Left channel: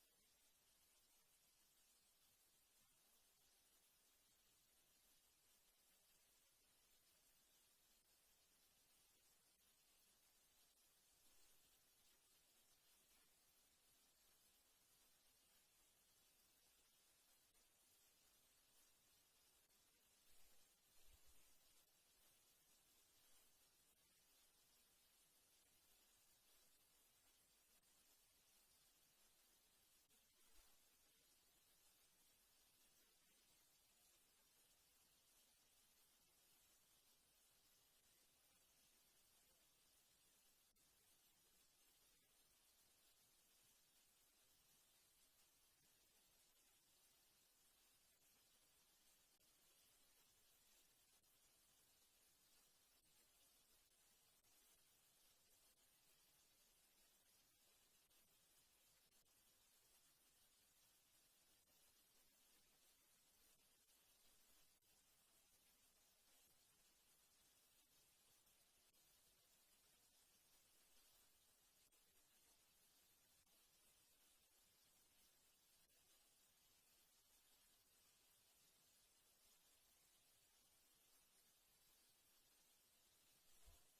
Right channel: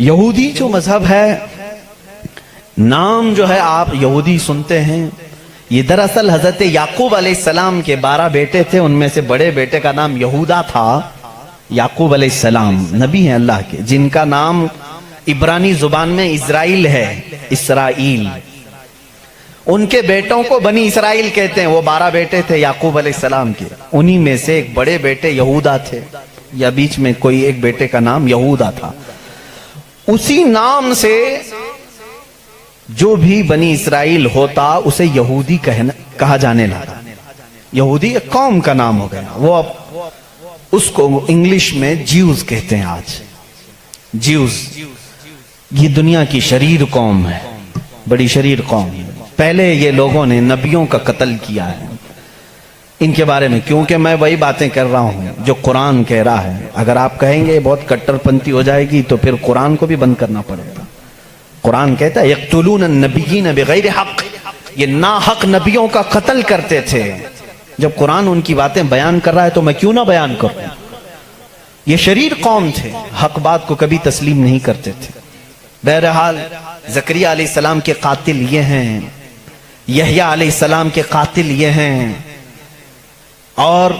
یہودی جو مذہب ہے، نام جو ہے آپ یہودی سنتے ہیں، یہ دراصل حضرت یعقوب علیہ السلام کے 12 بیٹے تھے، ان میں سے بڑے بیٹے کا نام یہودا تھا۔ یعقوب علیہ السلام نبی ہیں اللہ کے، جن کا نام عبرانی زبان میں اسرائیل ہے، اسرائیل۔ ان کے بیٹوں کو بنی اسرائیل کہتے ہیں۔ وہ 12 بیٹے تھے یعقوب علیہ السلام کے، انہی میں سے ایک بڑے بیٹے یہودا تھے، یا بیچ میں کوئی ایک بیٹے کا نام یہودا تھا۔ اسی نام سے جو بھی بنی اسرائیل ہوتا اسے یہودی کہا جانے لگا۔ یہودی ایک قوم کا نام ہو گیا، وہ اب اس کو انگلش میں جیوز کہتے ہیں آج۔ جیوز یہ دنیا کی شریر قوم ہے، بڑی شریر قوم ہے۔ پہلے یہ لوگوں نے نبیوں کا قتل کیا ہے۔ ان کے بارے میں کیونکہ میں وہی باتیں کر رہا ہوں جو قرآن کہہ رہا ہے۔ اگر آپ کہیں گے بہت کٹر پنتھی ہو جائے گی تو پھر قرآن کو بھی بند کرنا پڑے گا۔ قرآن کہتا ہے یقتلون النبیین بغیر حق، یہ ناحق نبیوں کا قتل کرتے تھے۔ جب قرآن ان کی باتیں بیان کر رہا ہے تو میں کیوں نہ بیان کروں؟ یہ شریر قوم تھے، حق بات کو کبھی تسلیم نہیں کرتے تھے۔ بہرحال زکریا علیہ السلام کے قاتل یہ ہیں، یحییٰ علیہ السلام کے قاتل یہ ہیں، اور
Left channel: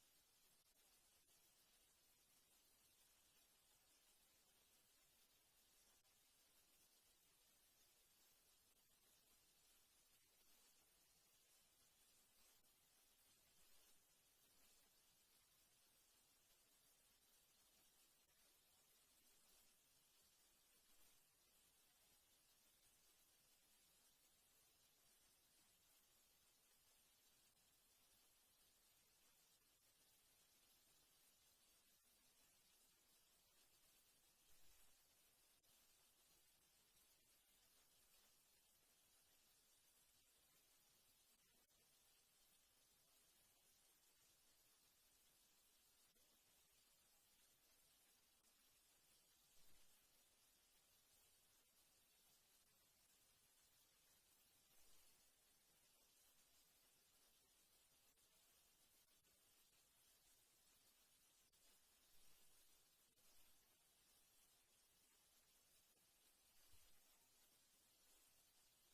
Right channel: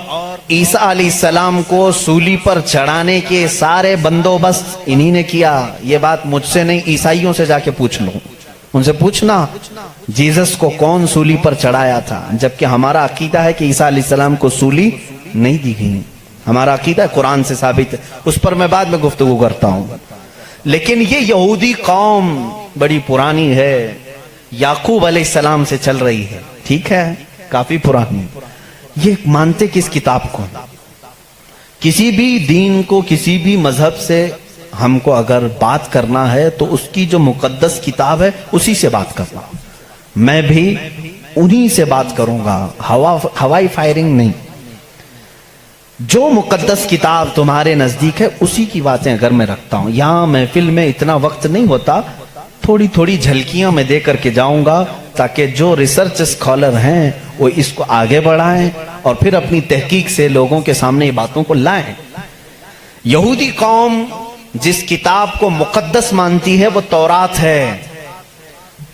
عیسیٰ علیہ السلام کو سولی پر چڑھانے کے سارے بندوبست انہی نے کیا۔ یہ بات مجھ سے نہیں، عیسائیوں سے جا کے پوچھ لو، ان سے پوچھنا جیزس کو کون سولی پر چڑھایا تھا، جبکہ ہمارا عقیدہ ہے کہ عیسیٰ علیہ السلام کو سولی نہیں دی گئی۔ ہمارا عقیدہ قرآن سے ثابت ہے، اس پر میں بعد میں گفتگو کرتا ہوں۔ لیکن یہ یہودی قوم بڑی پرانی ہے، یعقوب علیہ السلام سے چل رہی ہے، ٹھیک ہے، کافی پرانی۔ یہ مانتے کس کتاب کو؟ کسی بھی دین کو، کسی بھی مذہب سے ہم کو اگر بات کرنا ہے تو اس کی جو مقدس کتاب ہے اسی سے بات کرنا۔ میں بھی انہی سے بات کروں گا، ہوائی فائرنگ نہیں۔ جو مقدس کتاب تمہارے نزدیک ہے اسی کی باتیں اگر میں رکھتا ہوں۔ یہاں محفل میں اتنا وقت نہیں ہوتا، تھوڑی تھوڑی جھلکیاں میں دے کر کے جاؤں گا تاکہ جو ریسرچ اسکالر ہیں وہ اس کو آگے بڑھائیں اور پھر اپنی تحقیق سے لوگوں کے سامنے یہ باتوں کو لائیں۔ یہودی قوم جس کتاب کو مقدس مانتی ہے وہ تورات ہے،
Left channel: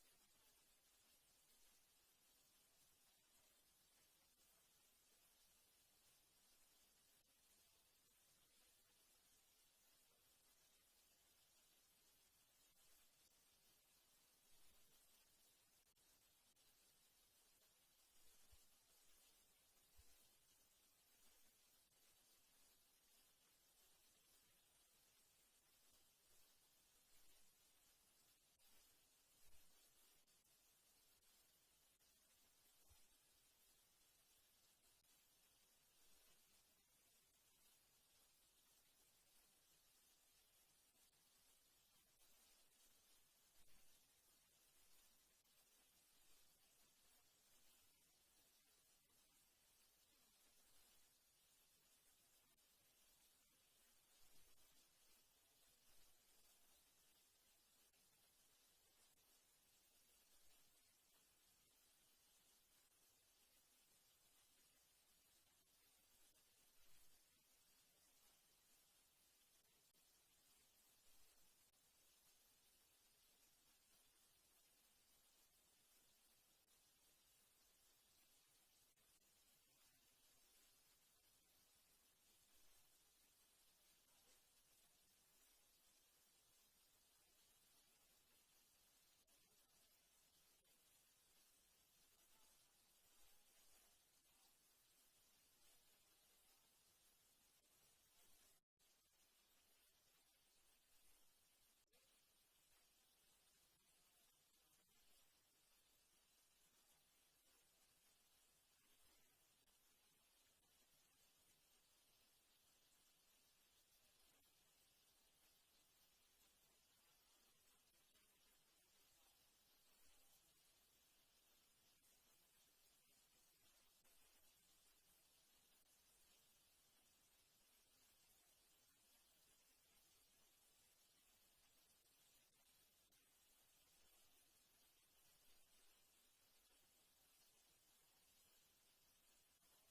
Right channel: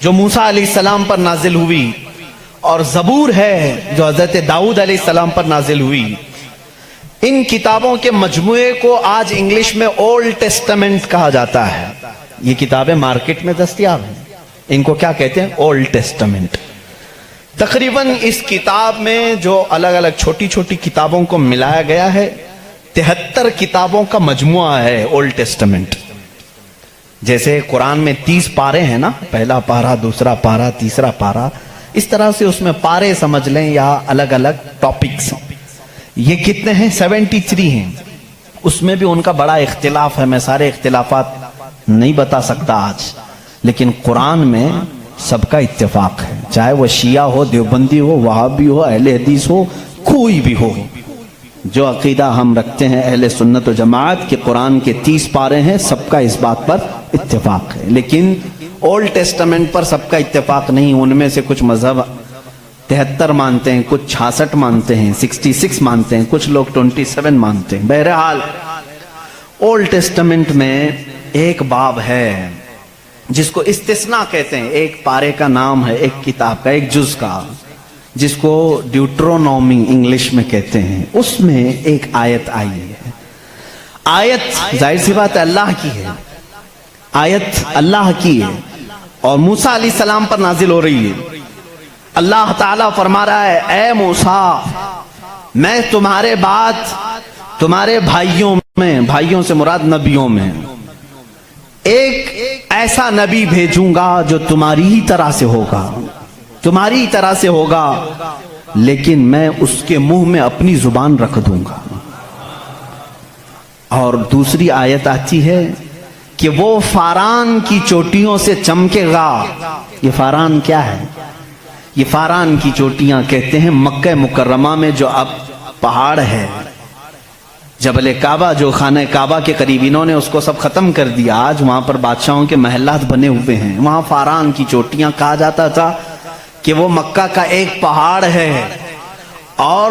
جو موسیٰ علیہ السلام پر نازل ہوئی، اور زبور ہے جو حضرت داؤد علیہ السلام پر نازل ہوئی۔ ان کتابوں کے مجموعے کو آج انگلش میں اولڈ ٹیسٹمنٹ کہا جاتا ہے۔ یہ کتابیں مارکیٹ میں دستیاب ہیں، ان کو کیا کہتے ہیں؟ Old testament. تقریباً اس کتاب میں جو الگ الگ چھوٹی چھوٹی کتابوں کو ملایا گیا ہے 73 کتابوں کا مجموعہ ہے اولڈ ٹیسٹمنٹ۔ جیسے قرآن میں 30 پارے ہیں نا، پہلا پارہ، دوسرا پارہ، تیسرا پارہ، اس طرح سے اس میں پارے سمجھ لیں یا الگ الگ ٹاپکس۔ یہ کتنے ہیں؟ 73 ہیں۔ اس میں بھی ان کا بڑا اختلاف ہے، میں سارے اختلافات نہیں بتا سکتا آج، لیکن قرآن میں سب کا اتفاق ہے، چاہے وہ شیعہ ہو، دیوبندی ہو، وہابی ہو، اہل حدیث ہو، کوئی بھی ہو۔ جو عقیدہ ہم رکھتے ہیں اہل سنت و جماعت کہ قرآن کے 30 پارے ہیں، سب کا اس بات پر اتفاق ہے۔ لیکن اولڈ ٹیسٹمنٹ پر سب کا اتفاق نہیں، ان میں سے کچھ مذہب 73 مانتے ہیں، کچھ 66 مانتے ہیں، 66 مانتے ہیں، کچھ لوگ 27 مانتے ہیں۔ بہرحال اولڈ ٹیسٹمنٹ میں ایک باب ہے جس کو استثناء کہتے ہیں، ایک پارے کا نام ہے، ایک کتاب کا، ایک جز کا، جس کو ڈیوٹرونومی انگلش میں کہتے ہیں۔ اس میں ایک آیت آئی ہے۔ آیت ظاہر سی بات ہے اللہ کی ہے، آیت اللہ کی ہے اور موسیٰ علیہ السلام پر نازل ہو رہی ہے۔ اللہ تعالیٰ فرما رہا ہے اے موسیٰ، میں تمہارے بعد تمہارے بھائیوں سے مراد نبیوں میں ایک ایسا نبی بھیجوں گا جو تمہاری ہی طرح سے ہوگا، تمہاری ہی طرح سے ہوگا، لیکن میں اس کے منہ میں اپنی زبان رکھ دوں گا۔ اور دوسری آیت آتی ہے کہ وہ فاران کی چوٹیوں سے چمکے گا۔ یہ فاران کیا ہے؟ یہ فاران کی چوٹیاں کہتے ہیں مکہ مکرمہ میں جو اب پہاڑ ہے، جبل کعبہ جو خانہ کعبہ کے قریب، انہوں نے اس کو سب ختم کر دیا، آج وہاں پر بادشاہوں کے محلات بنے ہوئے ہیں۔ وہاں فاران کی چوٹیاں کہا جاتا تھا کہ وہ مکہ کا ایک پہاڑ ہے، اور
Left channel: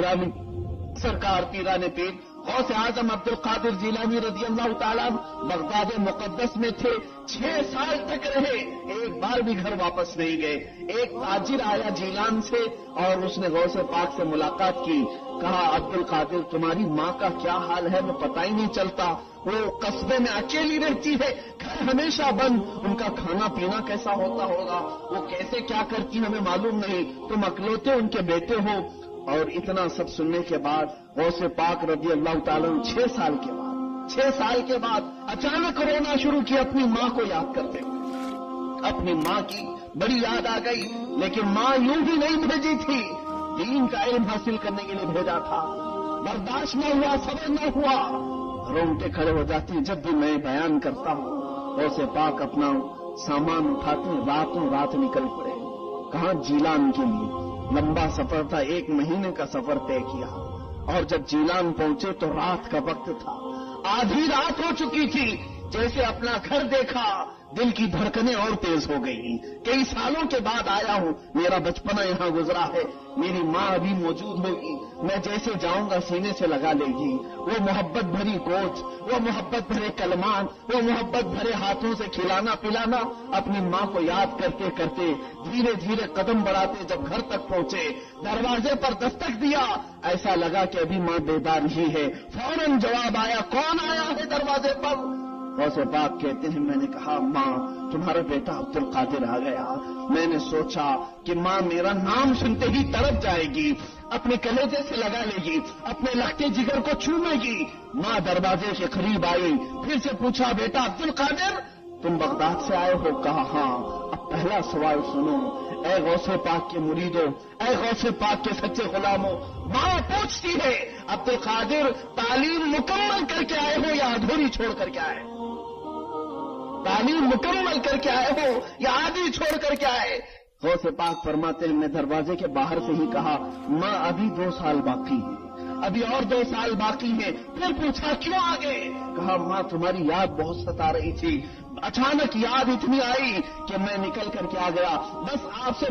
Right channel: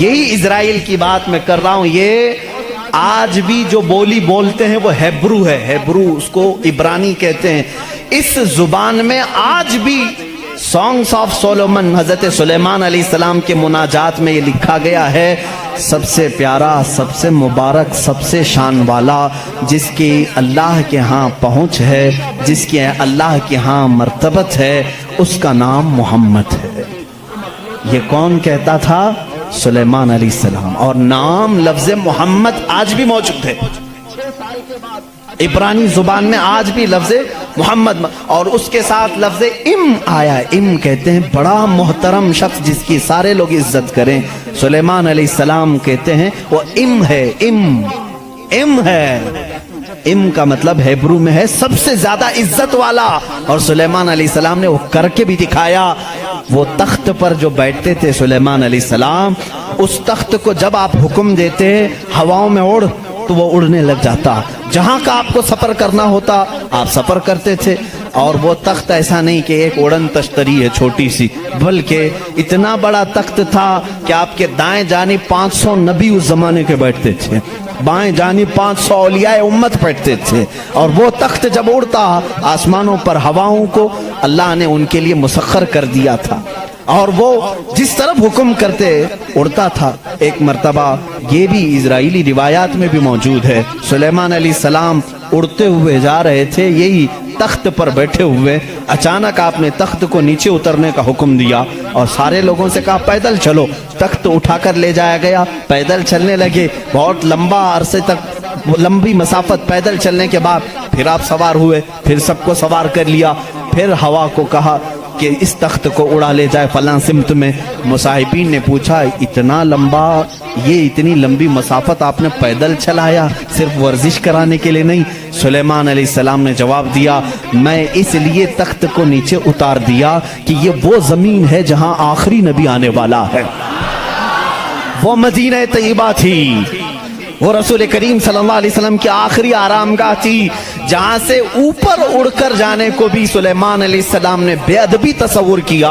یہی اسرائیل کی بات میں کر رہا ہوں. یہ آج بھی جو بولی بولتے ہیں وہ ہیبرو ہے. ہیبرو اس کو عبرانی کہتے ہیں. اس زبان میں آج بھی سانگس آف سولومن حضرت سلیمان علیہ السلام کے مناجات میں یہ لکھا گیا ہے: سب سے پیارا، سب سے مبارک، سب سے شان والا، جس کی اللہ کے ہاں پہنچ ہے، جس کی اللہ کے ہاں مرتبت ہے، اس کا نام محمد ہے. یہ کون کہتا تھا؟ سلیمان علیہ السلام. اور نام لفظ محمد آج بھی موجود ہے. 6 سال کے بعد عبرانی زبان میں آج بھی لفظ محمد اور اس کے ساتھ لفظ ام آیا ہے. ام کہتے ہیں بڑا محترم شخص جس کی سارے لوگ عزت کریں. سلیمان علیہ السلام کہتے ہیں وہ ام ہے. ام ہے. ام کا مطلب ہیبرو میں ہے سب سے زیادہ عزت والا. اور سلیمان علیہ السلام نے وہ کر کے بھی دکھایا. وہ تخت پر جو بیٹھتے تھے سلیمان علیہ السلام، اس تخت کو جب آپ حکم دیتے ہواؤں میں اڑ تو وہ اڑنے لگ جاتا. جہاں کا آپ کو سفر کرنا ہوتا آپ سفر کرتے تھے. اور وہ تخت ایسا نہیں کہ ایک اڑن تشتری ہے چھوٹی سی، بلکہ اتنا بڑا تخت تھا کہ آپ کے دائیں جانب 500 نبی اس زمانے کے بیٹھتے تھے، بائیں جانب 500 اولیاء امت بیٹھتے تھے. اور وہ تخت جب اڑتا آسمانوں پر ہواؤں کو اللہ نے ان کے لیے مسخر کر دیا تھا، اور وہ جس طرف حکم کرتے اڑتا تھا. ایک مرتبہ یہ بھی اسرائیلی روایات میں بھی موجود ہے، سلیمان علیہ السلام اڑتے ہوئے جا رہے تھے یہی تخت پر بیٹھے ہوئے. اچانک آپ نے تخت کو نیچے اترنے کا حکم دیا اور سارے لوگوں سے کہا پیدل چلو. تخت اٹھا کر لے جایا گیا. پیدل چلنے لگے. بہت لمبا عرصے تک لمبی مسافت پیدل چلنے کے بعد پھر آپ سوار ہوئے. پھر سب کو سوار کر لیا. پھر ہوا کو کہا کہ اس تخت کو اڑا لے جائے فلاں سمت میں. مصاحبین نے پوچھا اتنا لمبا، یہ اتنی لمبی مسافت آپ نے پیدل چلایا صرف ورزش کرانے کے لیے نہیں؟ سلیمان علیہ السلام نے جواب دیا میں اس لیے تخت کو نیچے اتار دیا کہ یہ وہ زمین ہے جہاں آخری نبی آنے والا ہے. وہ مدینہ طیبہ تھی، وہ رسول کریم صلی اللہ علیہ وسلم کی آخری آرام گاہ تھی، جہاں سے اوپر اڑ کر جانے کو بھی سلیمان علیہ السلام نے بے ادبی تصور کیا.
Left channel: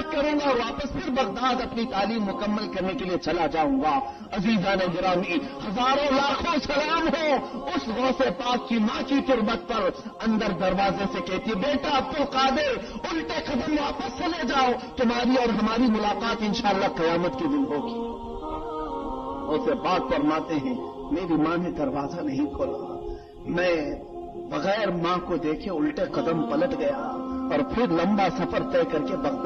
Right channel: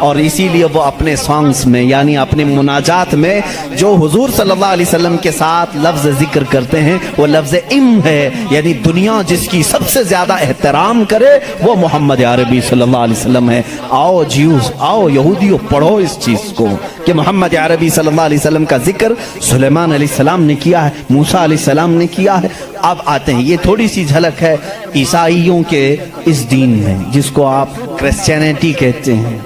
اور اسی لیے وہ اپنے سانگز میں یعنی اپنے مناجات میں جو حضور صلی اللہ علیہ وسلم کے ساتھ لفظ ذکر کرتے ہیں وہ لفظ ام ہے. یعنی دنیا جس کی سب سے زیادہ احترام کرے وہ محمد عربی صلی اللہ علیہ وسلم ہے. آؤ جیوز، آؤ یہودیوں، پڑھو اس چیز کو کہ محمد عربی صلی اللہ علیہ وسلم کا ذکر سلیمان علیہ السلام نے کیا ہے، موسیٰ علیہ السلام نے کیا ہے. اب آتے ہیں، یہ تھوڑی سی جھلک ہے عیسائیوں کے اس دین میں جس کو آپ کرسچینٹی کہتے ہیں.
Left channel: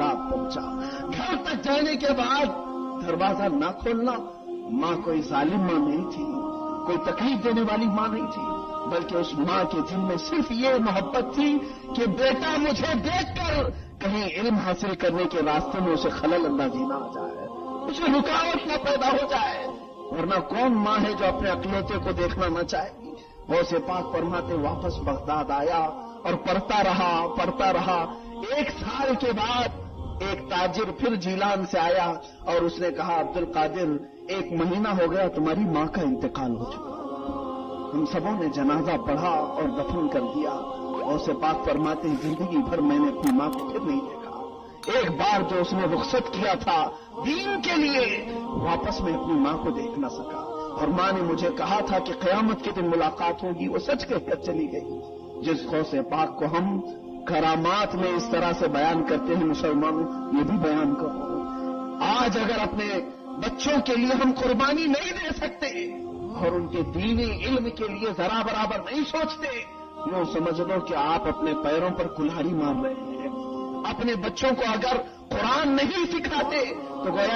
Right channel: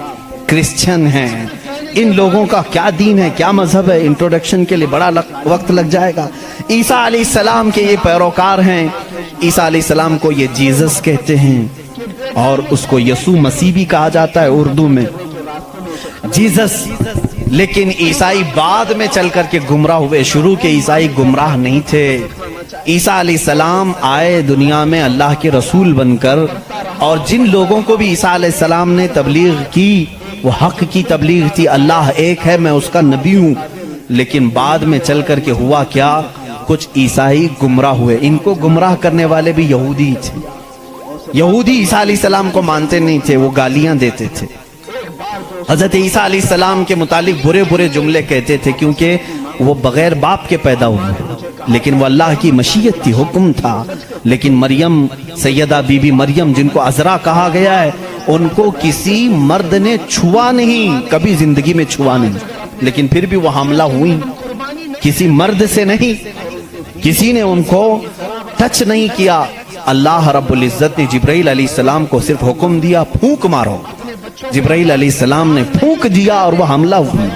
کرسچن ہیں، ان لوگوں کا کیا دین ہے، کیا مذہب ہے، انٹروڈکشن کے لیے بڑا وقت لگ جائے گا. عیسیٰ علیہ السلام کے یہ پیروکار ہیں. عیسیٰ علیہ السلام کو یہ جیزس کہتے ہیں اور اس کو یسوع مسیح بھی کہا جاتا ہے اردو میں، جیزس. لیکن عیسائی بعد میں چل کر کے گمراہ ہوئے. شروع کے عیسائی گمراہ نہیں تھے. عیسیٰ علیہ السلام آئے دنیا میں اللہ کے رسول بن کر، اور جن لوگوں کو بھی عیسیٰ علیہ السلام نے تبلیغ کی وہ حق کی تبلیغ تھی، اللہ ایک ہے، میں اس کا نبی ہوں. لیکن بعد میں چل کر کے ہوا کیا، کچھ عیسائی گمراہ ہوئے. ان کو گمراہ کرنے والے بھی یہودی تھے. یہودی عیسیٰ علیہ السلام کو مانتے نہیں تھے، وہ گالیاں دیتے تھے. حضرت عیسیٰ علیہ السلام کے متعلق برے برے جملے کہتے تھے کیونکہ وہ بغیر باپ کے پیدا ہوئے، لیکن وہ اللہ کی مشیت تھی، حکم تھا. لیکن مریم، سیدہ بی بی مریم جن کو عذرا کہا گیا ہے، ان کو کسی مرد نے چھوا نہیں، کبھی زندگی میں چھوا نہیں. لیکن پھر بھی وہ حاملہ ہوئی، کسی مرد سے نہیں، کسی نے ان کو ٹچ نہیں کیا. اللہ رب العزت نے جبرائیل علیہ السلام کو صرف حکم دیا پھونک مارو. جبرائیل علیہ السلام نے پھونک دیا اور وہ حملہ ہوئی.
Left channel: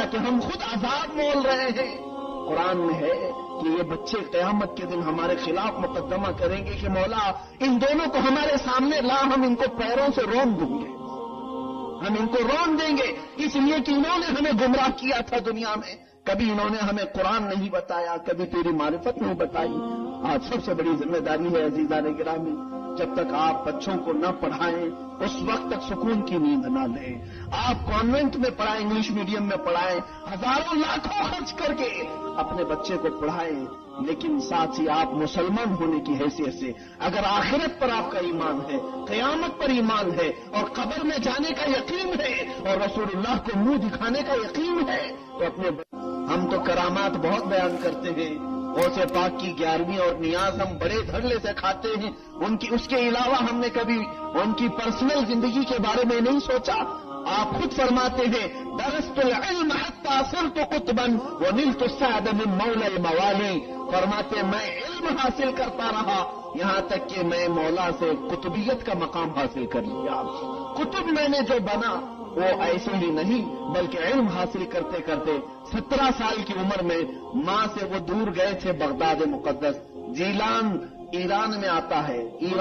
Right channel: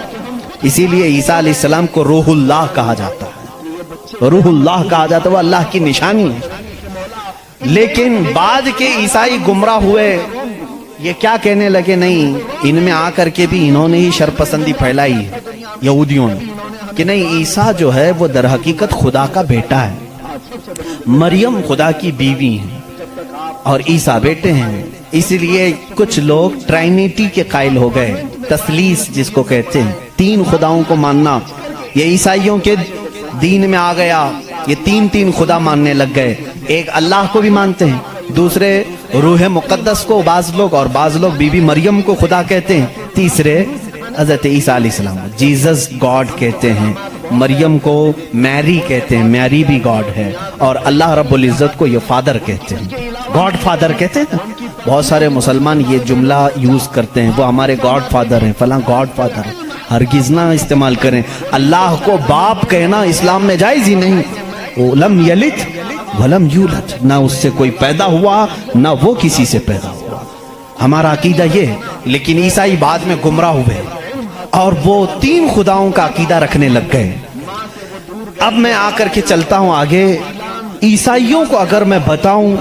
اسی لیے عیسیٰ علیہ السلام کو روح اللہ کہا جاتا ہے. روح اللہ کہا جاتا ہے، وہ اللہ کی نشانی ہے. لیکن بعد کے عیسائی گمراہ ہوئے. یہ کیا کہنے لگے، نہیں ان میں آ کر کے بھی انہوں نے ہی شرپسندی پھیلائی یہودیوں نے کہ نہیں عیسیٰ جو ہے وہ در حقیقت خدا کا بیٹا ہے، مریم خدا کی بیوی ہیں اور عیسیٰ بیٹے ہیں. اس لیے کچھ لوگ ٹرائنیٹی کے قائل ہو گئے، تثلیث جس کو کہتے ہیں، 3 خداؤں کو ماننا. یہ عیسائیوں کے دین میں آ گیا. یہ 3 خدا ماننے لگ گئے. ایک اللہ کو بھی مانتے ہیں، دوسرے روح مقدس کو بعض لوگ، اور بعض لوگ بی بی مریم کو خدا کہتے ہیں، تیسرے حضرت عیسیٰ علیہ السلام جیزس گاڈ کہتے ہیں، مریم کو میری کہتے ہیں، میری بھی گاڈ ہے، اور اللہ رب العزت کو یہ فادر کہتے ہیں، گاڈ فادر کہتے ہیں۔ بہت سارے مسلمان یہ جملہ یوز کرتے ہیں، وہ ہمارے گاڈ فادر ہیں، فلاں گاڈ فادر ہیں۔ ہرگز نہ استعمال کریں، اللہ کو باپ کہنا اسلام میں جائز ہی نہیں۔ لم یلد ولم یولد، نہ اس سے کوئی پیدا ہوا نہ وہ کسی سے پیدا ہوا، ہمارا عقیدہ یہ ہے۔ لیکن عیسائی بعد میں گمراہ ہوئے اور وہ 3 خداؤں کا عقیدہ رکھنے لگ گئے۔ اب میں آ کر کے چلتا ہوں آگے۔ عیسائیوں کو اگر میں بتاؤں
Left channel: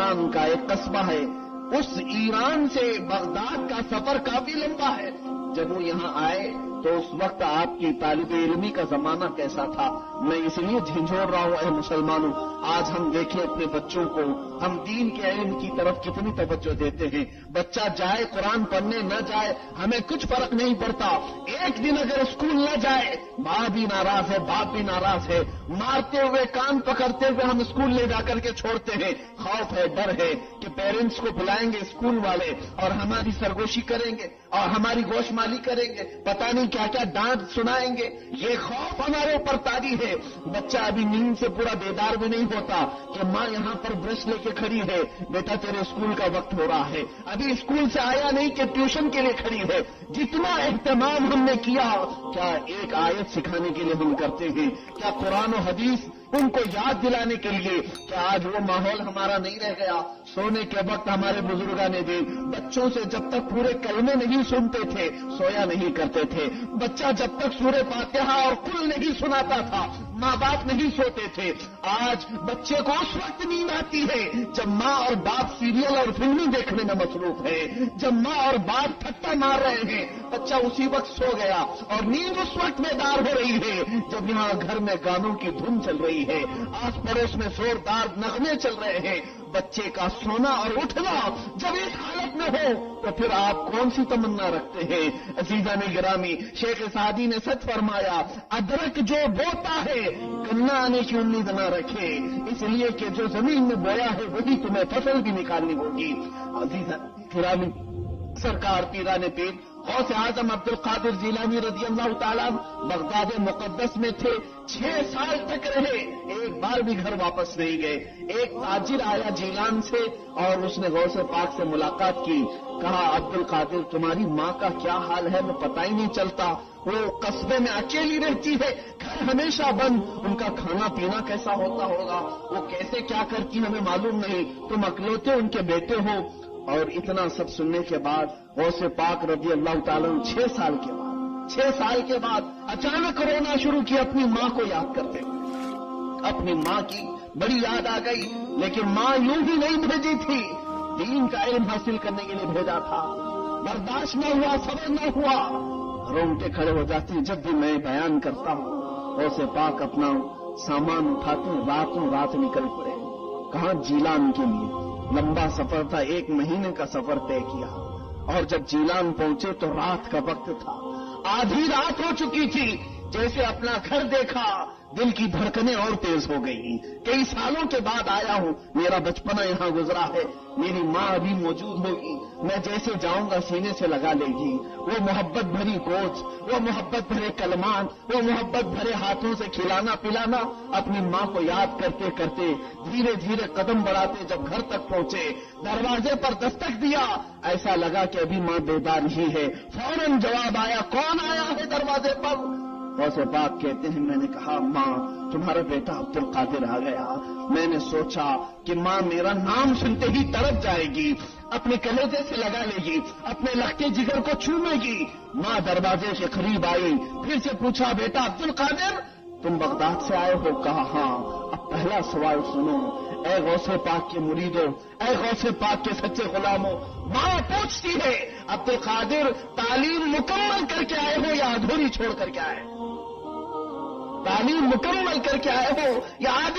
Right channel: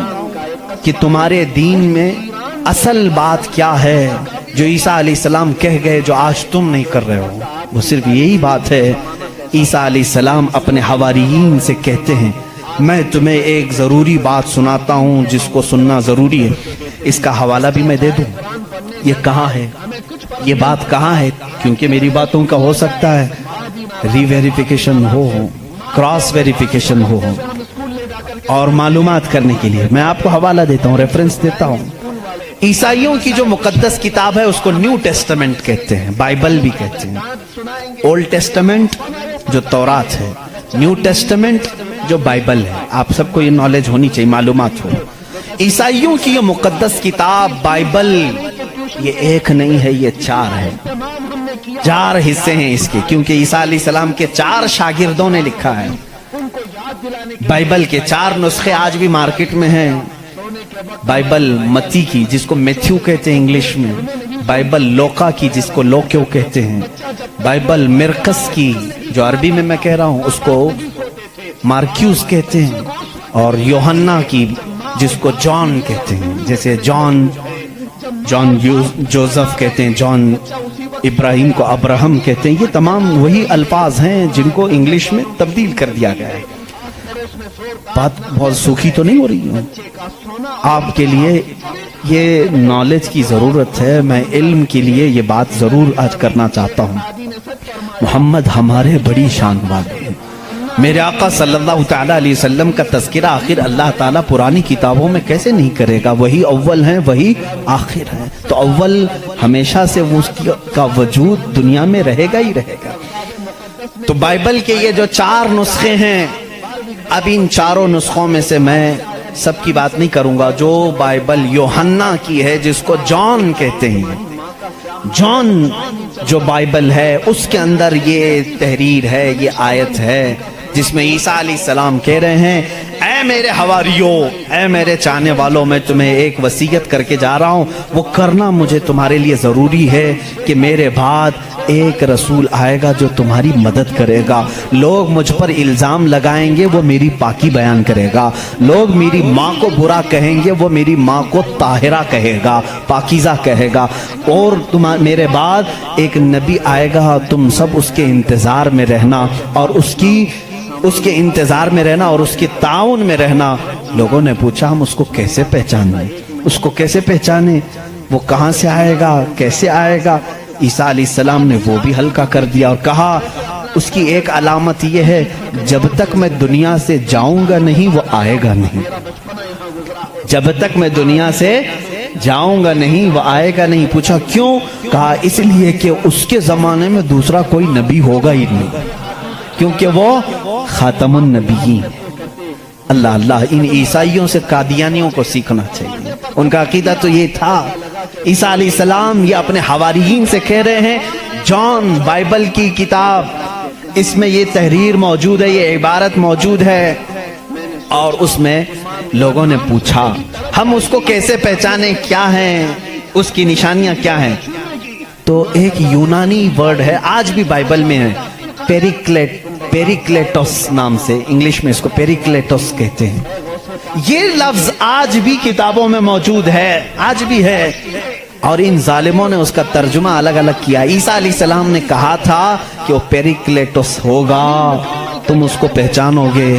کہ تمہارے دین میں اصل بات کیا ہے جو عیسیٰ علیہ السلام کہہ گئے جو آج تم نہیں کر رہے ہو، وہ صرف یہی بات ہے۔ عیسیٰ علیہ السلام اپنے حواریین سے کہتے ہیں میں تمہیں ایک ضروری بات سناتا ہوں جس کو سننا ضروری ہے، اس کا حوالہ بھی میں دے دوں۔ یہ کہاں ہے، یہ بات کہاں ہے، کیونکہ میری باتوں کا ہو سکتا ہے ری ویریفیکیشن ہو، کراس ویریفیکیشن ہو، اور معلومات کرنے کے لیے میں آپ کو حوالہ دیتا ہوں، ریفرنس دیتا ہوں۔ عیسائیوں کی جو مقدس کتاب ہے اس کو نیو ٹیسٹمنٹ کہتے ہیں، بائبل بھی کہتے ہیں۔ اولڈ ٹیسٹمنٹ جو تورات ہے، نیو ٹیسٹمنٹ جو بائبل ہے۔ آپ سب کو یہ نالج ہونی چاہیے، معلومات ہو۔ عیسائیوں کی یہ مقدس کتاب بائبل یہ ایک نہیں ہے، یہ 4 ہے، 4 حصے ہیں اس کے، کیونکہ عیسیٰ علیہ السلام کے 4 شاگردوں نے لکھا ہے۔ بائبل کے 4 نسخے آج بھی مارکیٹ میں ہیں۔ بائبل متی کی جس کو میتھیو کہتے ہیں انگلش میں، بائبل لوکا کی جس کو لوکیو کہتے ہیں، بائبل مرکس کی جو عربی میں کہہ رہا ہوں اس کو مارکیوس کہتے ہیں، اور یوحنا کی جس کو جان کہتے ہیں، جیسے جان جوزف کہتے ہیں، جان ابراہیم کو ابراہم کہتے ہیں۔ یہ تمام وہی الفاظ ہیں جن کو انگلش میں تبدیل کر دیا گیا ہے۔ بات بہت سوکھی تو نہیں ہو رہی ہے، آپ کے لیے یہ نالج کی ضرورت ہے، میں علم کے لیے یہ بات ضرور آج کرنا چاہتا ہوں۔ محمد ہمارے بڑی شان والے ہیں، میرے آقا صلی اللہ تعالیٰ علیہ وسلم کا تذکرہ آخر اللہ تعالیٰ پرانی کتابوں میں کیسے نہیں کرے گا؟ وہی اول ہیں، وہی آخر ہیں، تو اول ہمیشہ سے اس کا وجود دنیا میں رہے گا ہی رہے گا۔ تو بائبل کے یہ جو 4 نسخے ہیں، اب ان 4 نسخوں میں سے میں سب کی بات نہیں کروں گا۔ جو بائبل یوحنا کی ہے جس کو جان کہتے ہیں، جان جو بائبل ہے اس کے اندر یہ تحریر ہے، یہ آیت ہے جس میں عیسیٰ علیہ السلام کہہ رہے ہیں اے میرے حواریوں، اے میرے چاہنے والوں، میں تمہیں ایک وصیت کر کے جا رہا ہوں، وہ کرنا مجھے تمہارے لیے ضروری ہے کہ میرے بعد ایک رسول آئے گا جو تمہاری مدد کرے گا۔ لوگ مجھ پر الزام لگائیں گے، وہ میری پاکی بیان کرے گا۔ لوگ میری ماں کو برا کہیں گے، وہ میری ماں کو طاہرہ کہے گا، پاکیزہ کہے گا۔ اور میرے بعد ایک نبی آئے گا، تم سب اس کے انتظار میں رہنا اور اس کے انتظار میں رہنا اور اس کی تعاون میں رہنا۔ لوگوں نے پوچھا ہم اس کو کیسے پہچانیں، اس کو کیسے پہچانیں، وہ کہاں سے آئے گا، کیسے آئے گا؟ عیسیٰ علیہ السلام نے وہ بھی ہلکا کر دیا اور کہا اس کی ایک علامت یہ ہے جب تک میں دنیا سے جاؤں گا نہیں وہ آئے گا نہیں، جب تک میں دنیا سے جاؤں گا نہیں وہ آئے گا نہیں۔ پوچھا کیوں؟ کہا اس لیے کہ اس کے زمانے میں دوسرا کوئی نبی ہوگا ہی نہیں، کیونکہ وہ خاتم النبیین۔ اللہ اللہ، ان عیسائیوں سے قادیانیوں کو سیکھنا چاہیے، ان کا عقیدہ تو یہ تھا۔ عیسیٰ علیہ السلام یہ اپنے حواریین سے کہہ رہے ہیں، جان بائبل کی کتاب اس میں یہ تحریر موجود ہے، یہ عبارت موجود ہے، اور اس میں لوگوں نے پوچھا ہم اس کو کیسے پہچانیں، کیا ہیں اس کی نشانیاں کیا ہیں؟ تو ایک یونانی ورڈ ہے، آج بھی بائبل میں ہے، پیریکلیٹوس نام سے، انگلش میں اس کو پیریکلیٹوس کہتے ہیں۔ یہ لفظ آج بھی کتابوں میں موجود ہے، آج بھی ہے، اور ان ظالموں نے اس کا ترجمہ الگ الگ کیا۔ عیسیٰ علیہ السلام نے کہا تھا کہ وہ پیریکلیٹوس ہوگا، تم اس کو پہچانو گے۔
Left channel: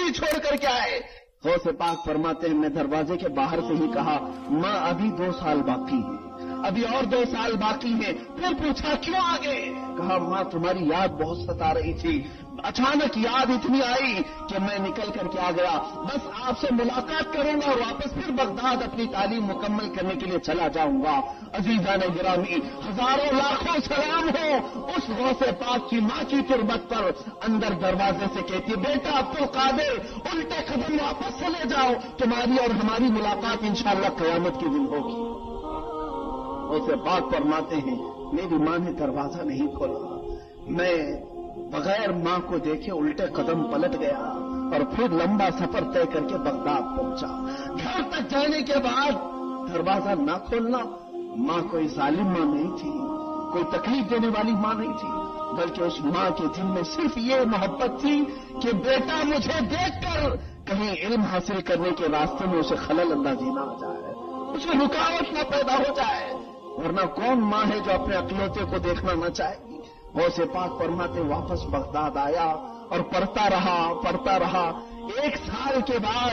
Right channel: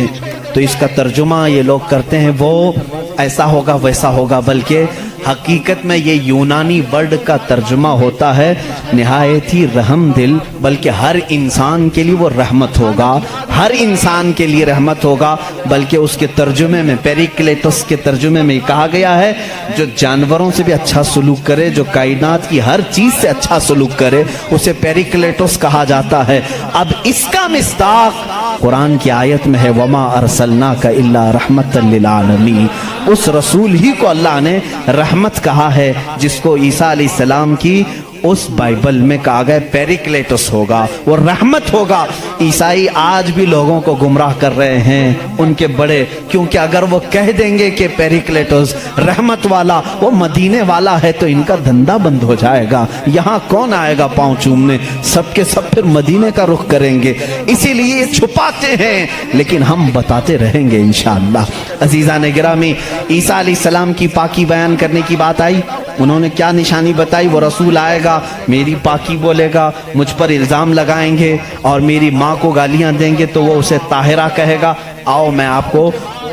تو اس کا ترجمہ یہ لوگ کرتے ہیں وہ ایسا ہوگا ویسا ہوگا، بلکہ حقیقت میں یہ یونانی ورڈ کا ترجمہ ہوتا ہے نہایت ہی رحم دل، بلکہ ہر انسان کے لیے وہ رحمت ہوگا، ہر انسان کے لیے رحمت ہوگا، بلکہ اس کے ترجمے میں پیریکلیٹس کے ترجمے میں کہا گیا ہے جو جانوروں سے بھی اچھا سلوک کرے، جو کائنات کی ہر چیز سے اچھا سلوک کرے، اسے پیریکلیٹس کہا جاتا ہے۔ اب اس کا مصداق قرآن کی آیت میں ہے وَمَا أَرْسَلْنَاكَ إِلَّا رَحْمَةً لِلْعَالَمِينَ، اس رسول ہی کو اللہ نے رحمت کہا ہے، جس کو عیسیٰ علیہ السلام کی اس بائبل میں کہا گیا پیریکلیٹس ہوگا، وہ رحمت ہوگا۔ عیسائی آج بھی لوگوں کو گمراہ کر رہے ہیں، ان کے بڑے، کیونکہ اگر وہ کہہ دیں گے کہ پیریکلیٹس رحمت والا وہ مدینے والا ہے تو ان کا دھندا بند ہو جائے گا، یہاں کون آئے گا پاؤں چومنے، سب کے سب پھر مدینے کا رخ کریں گے، اسی لیے یہ چھپاتے ہیں، لیکن ہم بتاتے رہیں گے انشاءاللہ۔ عزیزان گرامی، عیسیٰ علیہ السلام کی پاکی بیان کرنے کی بات آئی، انہوں نے کیا نشانی بتائی؟ وہ رسول آئے گا، میری پاکی بولے گا، مجھ پر الزام لگائیں گے اور میری ماں کو گالیاں دیں گے تو وہ اسے طاہرہ کہے گا۔ آؤ میں آپ کو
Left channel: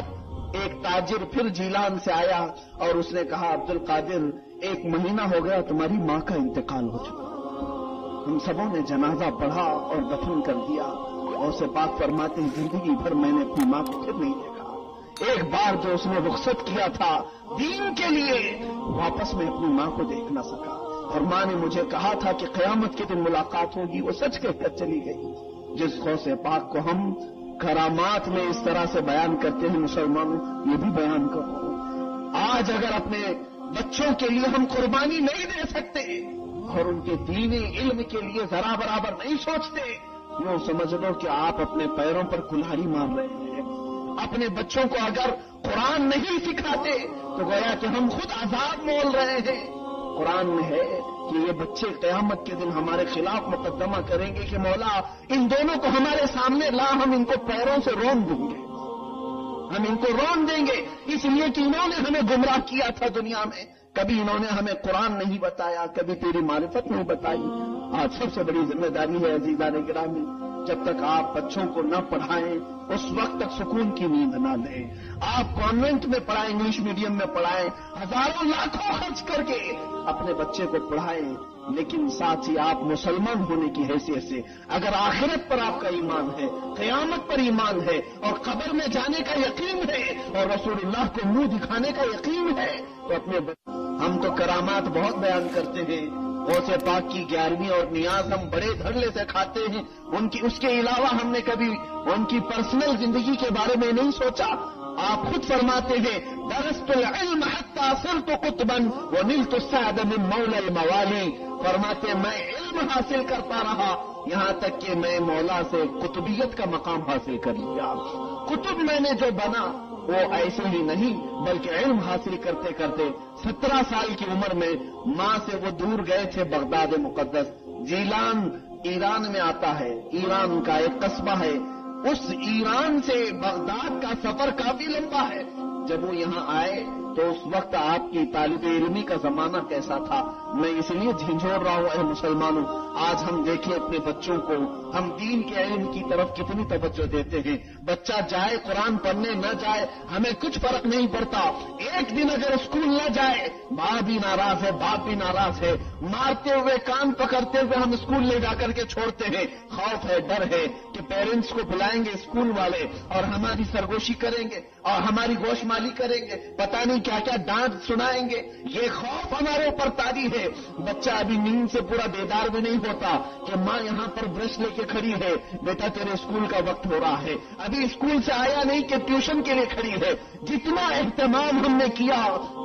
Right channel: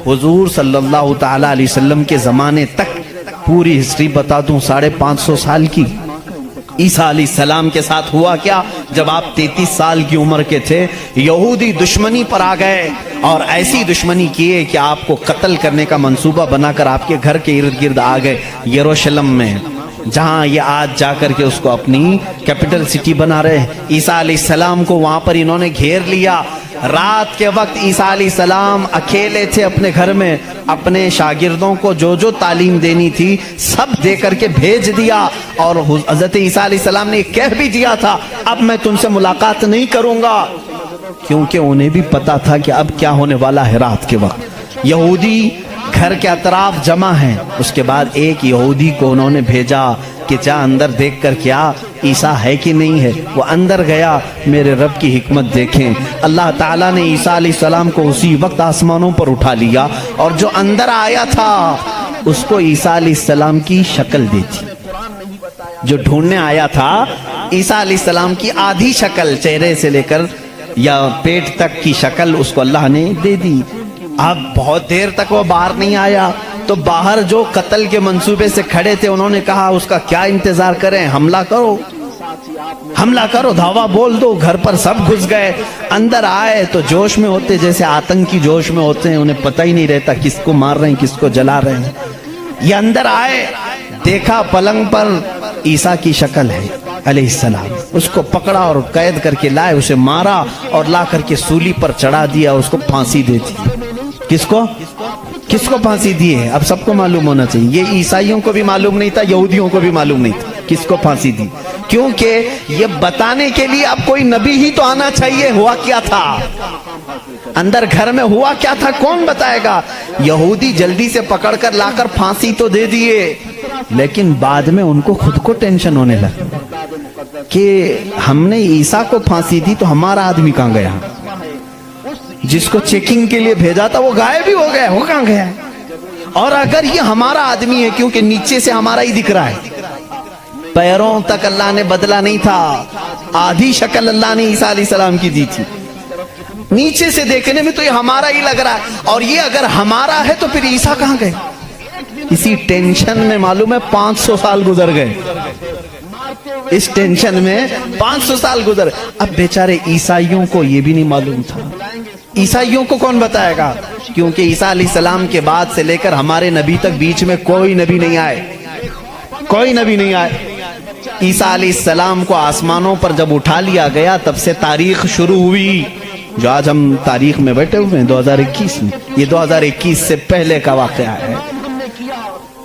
حضور صلی اللہ تعالیٰ علیہ وسلم کے زمانے تک پوری ہسٹری بتا دوں، 550 سال کی۔ عیسیٰ علیہ السلام کے ساتھ ہوا کیا؟ جب آپ 33 سال کی عمر کے تھے، یہودی دشمنی پر آ گئے اور ایسی دشمنی کیے کہ آپ کو قتل کرنے کا منصوبہ بنا کر آپ کے گھر کے ارد گرد آ گئے، یروشلم میں، جہاں یہ آج جا کر کے اس کو اپنی کیپٹل سٹی بنا رہے ہیں۔ عیسیٰ علیہ السلام کو وہاں پر انہوں نے گھیر لیا۔ رات کے وقت عیسیٰ علیہ السلام اکیلے تھے اپنے گھر میں، اپنے شاگردوں کو جو جو تعلیم دینی تھی سب دے کر کے بھیج دیا، اور حضرت عیسیٰ علیہ السلام نے کہہ بھی دیا تھا اب میں تم سے ملاقات نہیں کروں گا، کیونکہ انہیں بھی پتا تھا کہ اب کیا ہونے والا ہے۔ رات کے وقت یہودی گھر کے اطراف جمع ہیں، اس کے بعد ایک یہودی کو انہوں نے بھیجا کہ جا اندر دیکھ کر کیا عیسیٰ ہے کہ نہیں ہے۔ وہ اندر گیا، میرے رب کی حکمت دیکھیں، اللہ تعالیٰ نے عیسیٰ علیہ السلام کو اسی وقت آسمانوں پر اٹھا لیا، اور جو اندر آیا تھا اس کو عیسیٰ علیہ السلام کی شکل دی تھی۔ جو ڈھونڈنے آیا تھا عیسیٰ علیہ السلام کی آدھی شکل، چہرے سے لے کر یا پیٹ تک کی شکل اس کو اللہ نے دے دی۔ اب بہت دیر تک وہ باہر نہیں آیا، تو باہر جو قتل کے منصوبے سے کھڑے تھے انہوں نے کہا اس کا کیا انتظار کریں، حملہ کرو، حملہ کرو، دھاوا بول دو۔ گھر پر سب گھس گئے، اندر آئے تو جوش میں ہوتے، جیسے آتنکی جوش میں ہوتے ہیں، انہیں پتہ ہی نہیں رہتا کس کو مار رہے ہیں کس کو جلا رہے ہیں۔ یہ اندر آئے، دیکھا پلنگ پر عیسیٰ کی شکل ہے علیہ السلام، اس کو پکڑا اور قید کر کے لائے، اسے مارا اور لا کر کے سولی پر چڑھا دیا، اس کو پھانسی دے دی۔ کس کو پھانسی دی ہے اب سب کو معلوم ہونا چاہیے، یہ عیسائیوں کو بھی معلوم نہیں تھا، یہودیوں کو بھی معلوم نہیں تھا کس کو پھانسی دی، کیونکہ یہ بتانے کے لیے اب کوئی نبی ہی تو آنا چاہیے ہوا کیا تھا، اندر گھر میں ہوا کیا تھا کون بتائے گا۔ یہودی جلدی سے پکڑ کر لا کر پھانسی تو دے دیے، لیکن بعد میں ان کو خود کو ٹینشن ہونے لگا کہ ہم نے عیسیٰ کو پھانسی دی تو ہمارا آدمی کہاں گیا، جس کو چیکنگ کے لیے بھیجا تھا وہ غائب بھی ہو گیا، وہ کہاں گیا، اور اگر یہ ہمارا آدمی ہے کیونکہ نیچے سے ہمارا ہی دکھ رہا ہے، پیروں تک اللہ نے بدلا نہیں تھا، آدھی شکل اللہ نے عیسیٰ علیہ السلام کی دی تھی، نیچے سے دیکھنے میں تو یہ ہمارا ہی لگ رہا ہے، اور یہ اگر ہمارا ہے تو پھر عیسیٰ کہاں گئے۔ اسی ٹینشن میں معلوم ہے 500 سال گزر گئے، اس ٹینشن میں 500 سال گزر۔ اب بیچارے عیسائیوں کو یہ بھی نہیں معلوم تھا، عیسائیوں کو کون بتائے گا، کیونکہ عیسیٰ علیہ السلام کے بعد سے لے کر ہمارے نبی تک بیچ میں کوئی نبی نہیں آئے، کوئی نبی نہیں آئے۔ عیسیٰ علیہ السلام کو آسمانوں پر جب اٹھا لیا گیا تب سے تاریخ شروع ہوئی، جو آج ہم تاریخ میں بیٹھے ہوئے ہیں 2021 میں، یہ 2021 سے پہلے کا واقعہ ہے۔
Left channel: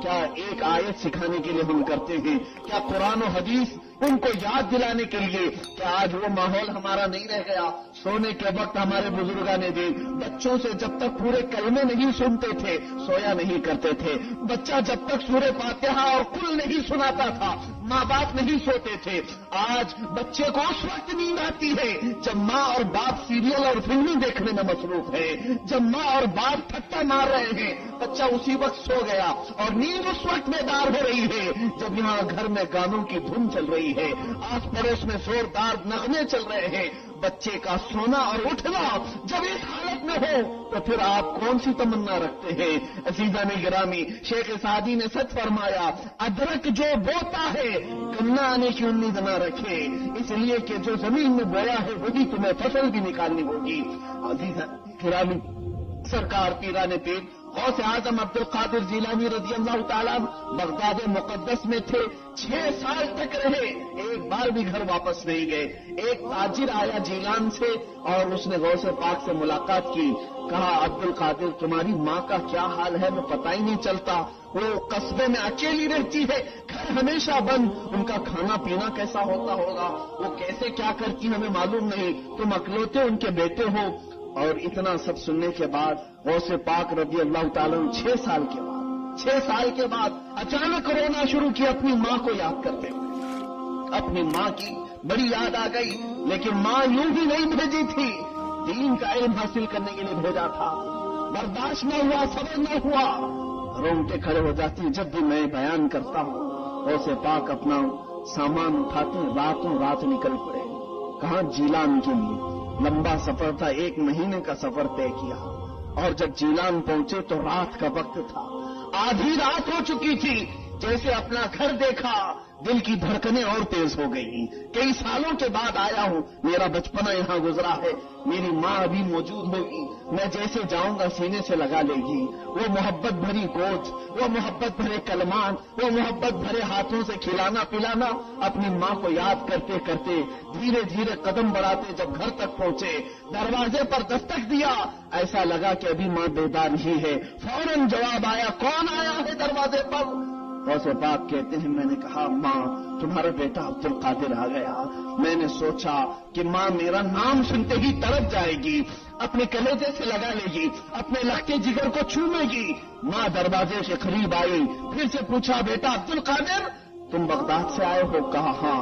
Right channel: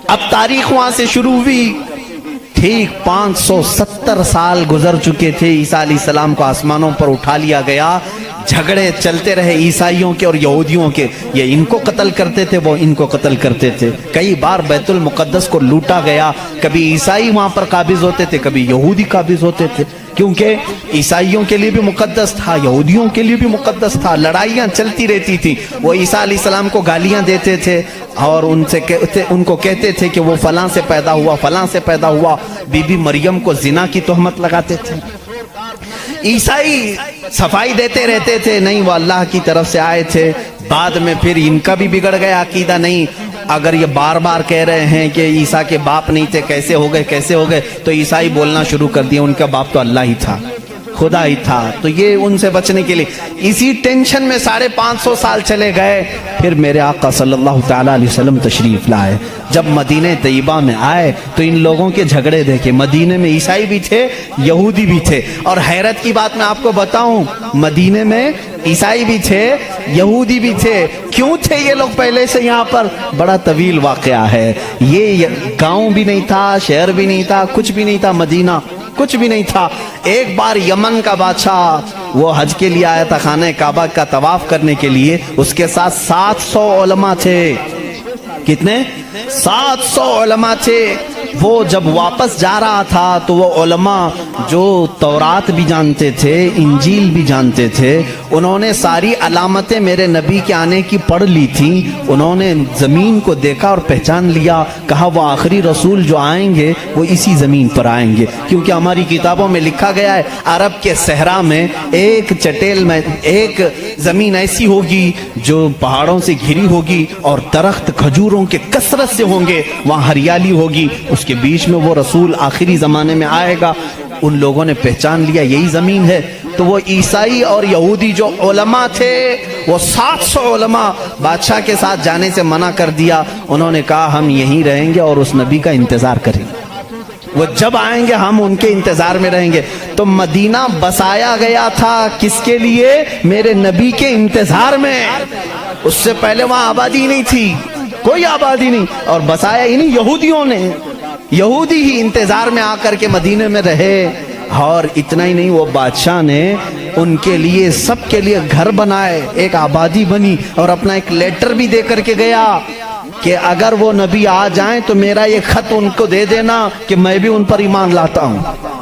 اب تاریخ وہاں سے شروع ہوئی، ٹھیک 570 سال گزر چکے تھے، عیسیٰ علیہ السلام کو آسمانوں پر اٹھا لیا گیا، جھگڑے چلتے رہے عیسائیوں کے اور یہودیوں کے، یہ ان کو قتل کرتے تھے وہ ان کو قتل کرتے تھے، کئی بار بیت المقدس کو لوٹا گیا، کبھی عیسائی وہاں پر قابض ہوتے تھے کبھی یہودی قابض ہوتے تھے، کیونکہ عیسائیوں کے لیے بھی مقدس تھا، یہودیوں کے لیے بھی مقدس تھا، لڑائیاں چلتی رہتی تھی۔ وہ عیسیٰ علیہ السلام کو گالیاں دیتے تھے اور ان کو کہتے تھے کہ وہ فلاں سے پیدا ہوا فلاں سے پیدا ہوا، بی بی مریم کو زنا کی تہمت لگاتے تھے۔ عیسائی صفائی دیتے رہتے تھے، نہیں وہ اللہ کی طرف سے آئے تھے، بعد میں پھر ان کا بھی بگڑ گیا عقیدہ، نہیں اگر یہ بار بار کہہ رہے ہیں کہ عیسیٰ کے باپ نہیں تھے، کیسے ہو گئے، تو عیسائی بولنا شروع کر دیا ان کا باپ تو اللہ ہی تھا، خدا ہی تھا۔ تو یہ ان سے بچنے کے لیے اسی ٹینشن میں 550 سال چلے گئے۔ پھر میرے آقا صلی اللہ تعالیٰ علیہ وسلم تشریف لائے۔ جب مدینہ طیبہ میں آئے تو ان لوگوں کے جھگڑے دیکھے، مدینے میں عیسائی بھی تھے، یہودی بھی تھے، اور حیرت کی بات میں آپ کو بتاؤں، مدینے میں عیسائی بھی تھے، یہودی بھی تھے۔ کیوں تھے یہ لوگ پہلے سے یہاں پر؟ بڑا طویل واقعہ ہے یہ۔ گاؤں بھی نہیں تھا، شہر بھی نہیں تھا، کچھ بھی نہیں تھا، مدینہ کچھ بھی نہیں تھا۔ ایک بار یمن کا بادشاہ وہ حج کے لیے آیا تھا، خانہ کعبہ کا طواف کرنے کے لیے، اس کے ساتھ 700 علماء تھے۔ کتنے؟ 700 علماء تھے۔ وہ جب واپس جا رہا تھا تو وہ علماء جو تورات بھی جانتے تھے، انجیل بھی جانتے تھے، انہوں نے ساری علامتیں میرے نبی کے آنے کی پڑھ لی تھی۔ انہوں نے زمین کو دیکھا اور پہچان لیا، کہا وہ آخری رسول جو آئیں گے وہ اسی زمین پر آئیں گے، کیونکہ ہماری کتابوں میں لکھا گیا ہے عرب کے صحرا میں ایک چٹیل میں ایک زمین ایسی ہوگی جو پہاڑوں سے گھری ہوگی اور درخت کھجوروں کے کثرت سے ہوں گے، وہاں ہریالی ہوگی، اس کے بیچ میں وہ رسول آخری زمانے میں آئے گا۔ ان لوگوں نے پہچان لیا یہی زمین ہے۔ تو وہ عیسائی اور یہودی جو علماء تھے، وہ 700 علماء بادشاہ کے ساتھ جانے سے منع کر دیا۔ انہوں نے کہا ہم یہیں رہیں گے اور اس نبی کا انتظار کریں گے، وہ جب آئیں گے ہم ان کے انتظار میں رہیں گے۔ تو مدینہ بسایا گیا تھا کس کے لیے؟ میرے نبی کے انتظار میں۔ اس سے پہلے وہاں آبادی نہیں تھی، کوئی آبادی نہیں، اور بسایا انہیں یہودیوں نے۔ یہودی ہی انتظار میں آ کر کے مدینے میں رہے۔ اور اتنا ہی نہیں، وہ بادشاہ نے ان کے لیے سب کے لیے گھر بنائے، ایک آبادی بنی، اور اپنا ایک لیٹر بھی دے کر کے گیا کہ اگر وہ نبی آ جائیں تو میرا یہ خط ان کو دے دینا کہ میں بھی ان پر ایمان لاتا ہوں۔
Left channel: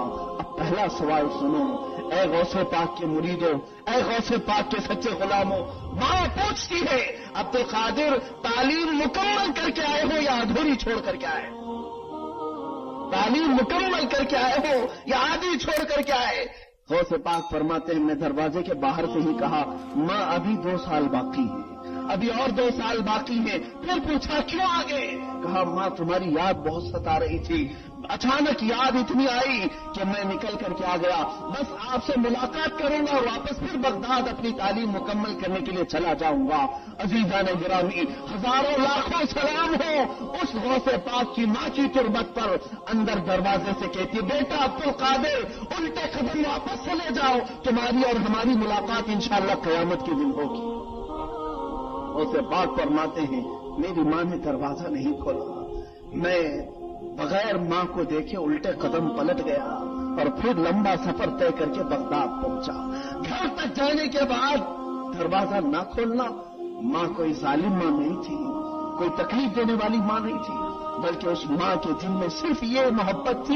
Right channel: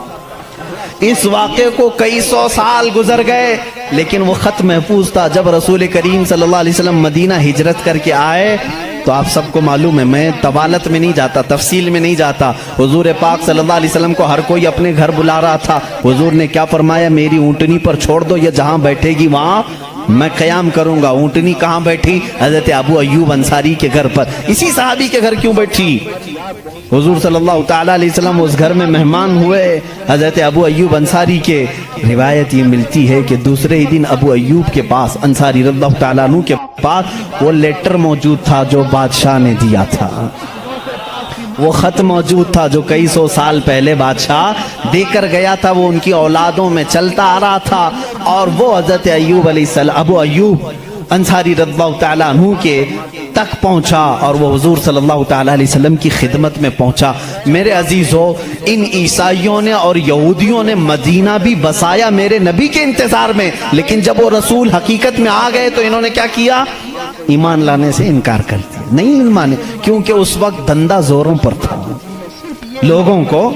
اس واقعے کو کئی سو سال گزر گئے لیکن وہ خط محفوظ تھا۔ جب رسول کریم صلی اللہ علیہ وسلم مدینہ ہجرت کر کے آئے تو آپ سب کو معلوم ہے، میں طوالت میں نہیں جاتا، تفصیل میں نہیں جاتا، حضور پاک صلی اللہ علیہ وسلم کو ہر کوئی اپنے گھر بلا رہا تھا۔ حضور نے کیا فرمایا؟ میری اونٹنی پر چھوڑ دو، یہ جہاں بیٹھے گی وہاں میں قیام کروں گا۔ اونٹنی کہاں بیٹھی؟ حضرت ابو ایوب انصاری کے گھر پر۔ اسی صحابی کے گھر کیوں بیٹھی؟ حضور صلی اللہ تعالیٰ علیہ وسلم اس گھر میں مہمان ہوئے حضرت ابو ایوب انصاری کے۔ روایت یہ ملتی ہے کہ دوسرے ہی دن ابو ایوب کے پاس، انصاری رضی اللہ تعالیٰ عنہ کے پاس، وہ لیٹر موجود تھا جو بادشاہ نے دیا تھا، وہ خط موجود تھا جو کئی سو سال پہلے بادشاہ دے کر گیا تھا۔ وہ ان کی اولادوں میں چلتا آ رہا تھا، اور وہ حضرت ایوب علیہ السلام، ابو ایوب انصاری رضی اللہ تعالیٰ عنہ کے تک پہنچا، اور وہ حضور صلی اللہ تعالیٰ علیہ وسلم کی خدمت میں پہنچا۔ میرے عزیزو، ان عیسائیوں نے اور یہودیوں نے مدینہ بھی بسایا میرے نبی کے انتظار میں، لیکن جب وہ رسول حقیقت میں آ گئے تو انہوں نے کیا کیا؟ ایمان لانے سے انکار کر دیا، نہیں مانے، کیونکہ اس وقت دھندا زوروں پر تھا۔ لوگوں کو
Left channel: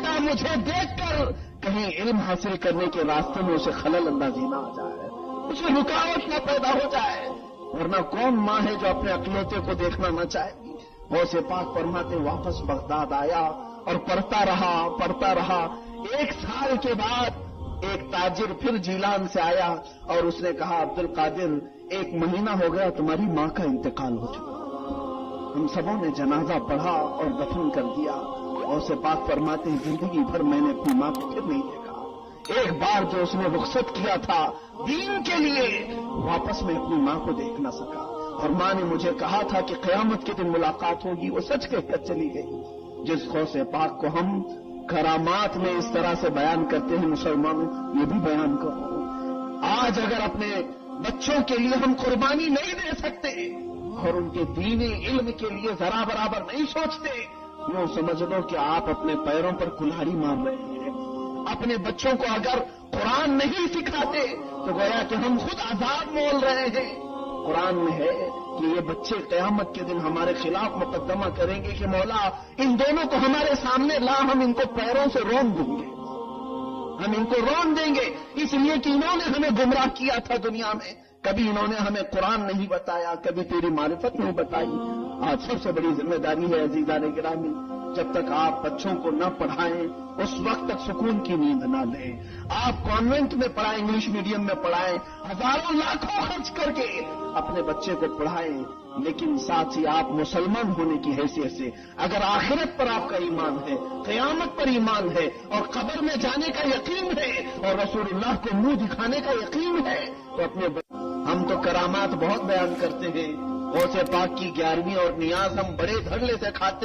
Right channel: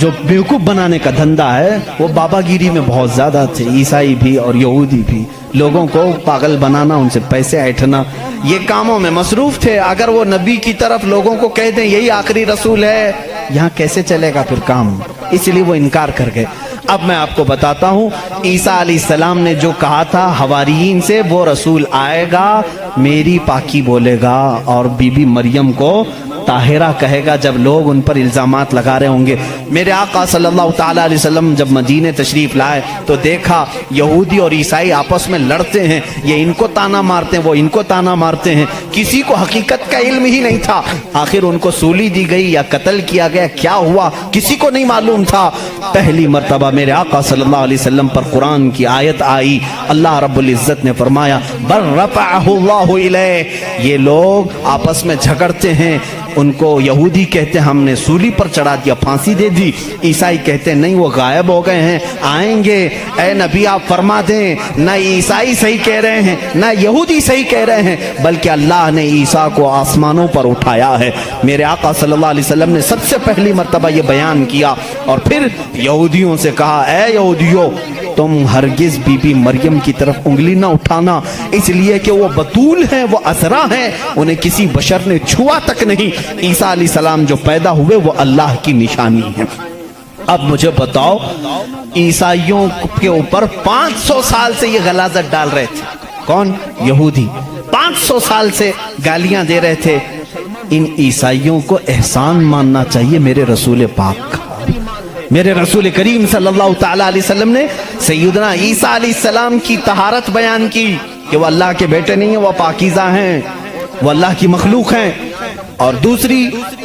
جو بیوقوف بنانے کا دھندا ہے وہ بابا گیری میں بہت زیادہ تھے، عیسائی بھی اور یہودی بھی۔ لوگوں کو پاگل بنانا، ان سے پیسے ایٹھنا، یہ کاموں میں مصروف تھے۔ اگر وہ نبی کی طرف لوگوں کو کہہ دیں یہی آخری رسول ہے، یہاں کیسے چلے گا پھر کام؟ اس لیے وہ انکار کر گئے۔ اب میں آپ کو بتاتا ہوں عیسیٰ علیہ السلام نے جو کہا تھا حواریین سے، وہ رسول آئے گا، میری پاکی بولے گا، اور بی بی مریم کو طاہرہ کہے گا جب لوگ ان پر الزامات لگا رہے ہوں گے۔ میرے آقا صلی اللہ تعالیٰ علیہ وسلم جب مدینہ تشریف لائے تو دیکھا یہودی اور عیسائی آپس میں لڑتے ہیں، یہ ان کو تانا مارتے ہیں، وہ ان کو تانا مارتے ہیں، کسی کو حقیقت کا علم ہی نہیں تھا۔ آخر ان کو سولی دی گئی یا قتل کیا گیا، کیا ہوا کسی کو نہیں معلوم تھا۔ پہلی مرتبہ میرے آقا صلی اللہ علیہ وسلم پر قرآن کی آیت آئی، اللہ رب العزت نے فرمایا بل رفعہ اللہ الیہ۔ یہ لوگ آپس میں جھگڑتے ہیں، ان کو یہودی کہتے ہیں ہم نے سولی پر چڑھا دیا، پھانسی دے دی، عیسائی کہتے ہیں نہیں وہ غائب ہو گئے ہیں، آئیں گے، اے نبی آپ فرما دیں۔ نہ عیسائی صحیح کہہ رہے ہیں نہ یہودی صحیح کہہ رہے ہیں، بلکہ اللہ نے عیسیٰ کو آسمانوں پر اٹھایا ہے۔ میرے آقا صلی اللہ علیہ وسلم نے سب سے پہلی مرتبہ یہ بیان کیا، اور پھر یہودیوں سے کہا اے یہودیوں تم ہرگز بی بی مریم کی طرف انگلی نہ اٹھانا، اس لیے کہ وہ بطول ہیں، وہ عذرا ہیں، انہیں کسی بشر نے چھوا تک نہیں۔ عیسیٰ علیہ السلام جو پیدا ہوئے وہ اللہ کی نشانی ہے۔ اب مجھے بتاؤ، عیسائیوں کے اوپر 500 سال سے یہ غلاظت ڈال رہے تھے، کون؟ یہودی 500 سال سے گالیاں دے رہے تھے. ان عیسائیوں کو احسان ماننا چاہیے میرے رسول پاک کا. میرے رسول کریم صلی اللہ تعالی علیہ وسلم نے سیدنا عیسیٰ علیہ السلام کی طہارت بیان کی کہ وہ اللہ کے بیٹے نہیں ہیں، وہ پاکیزہ ہیں، وہ اللہ کی مخلوق ہیں. اور دوسری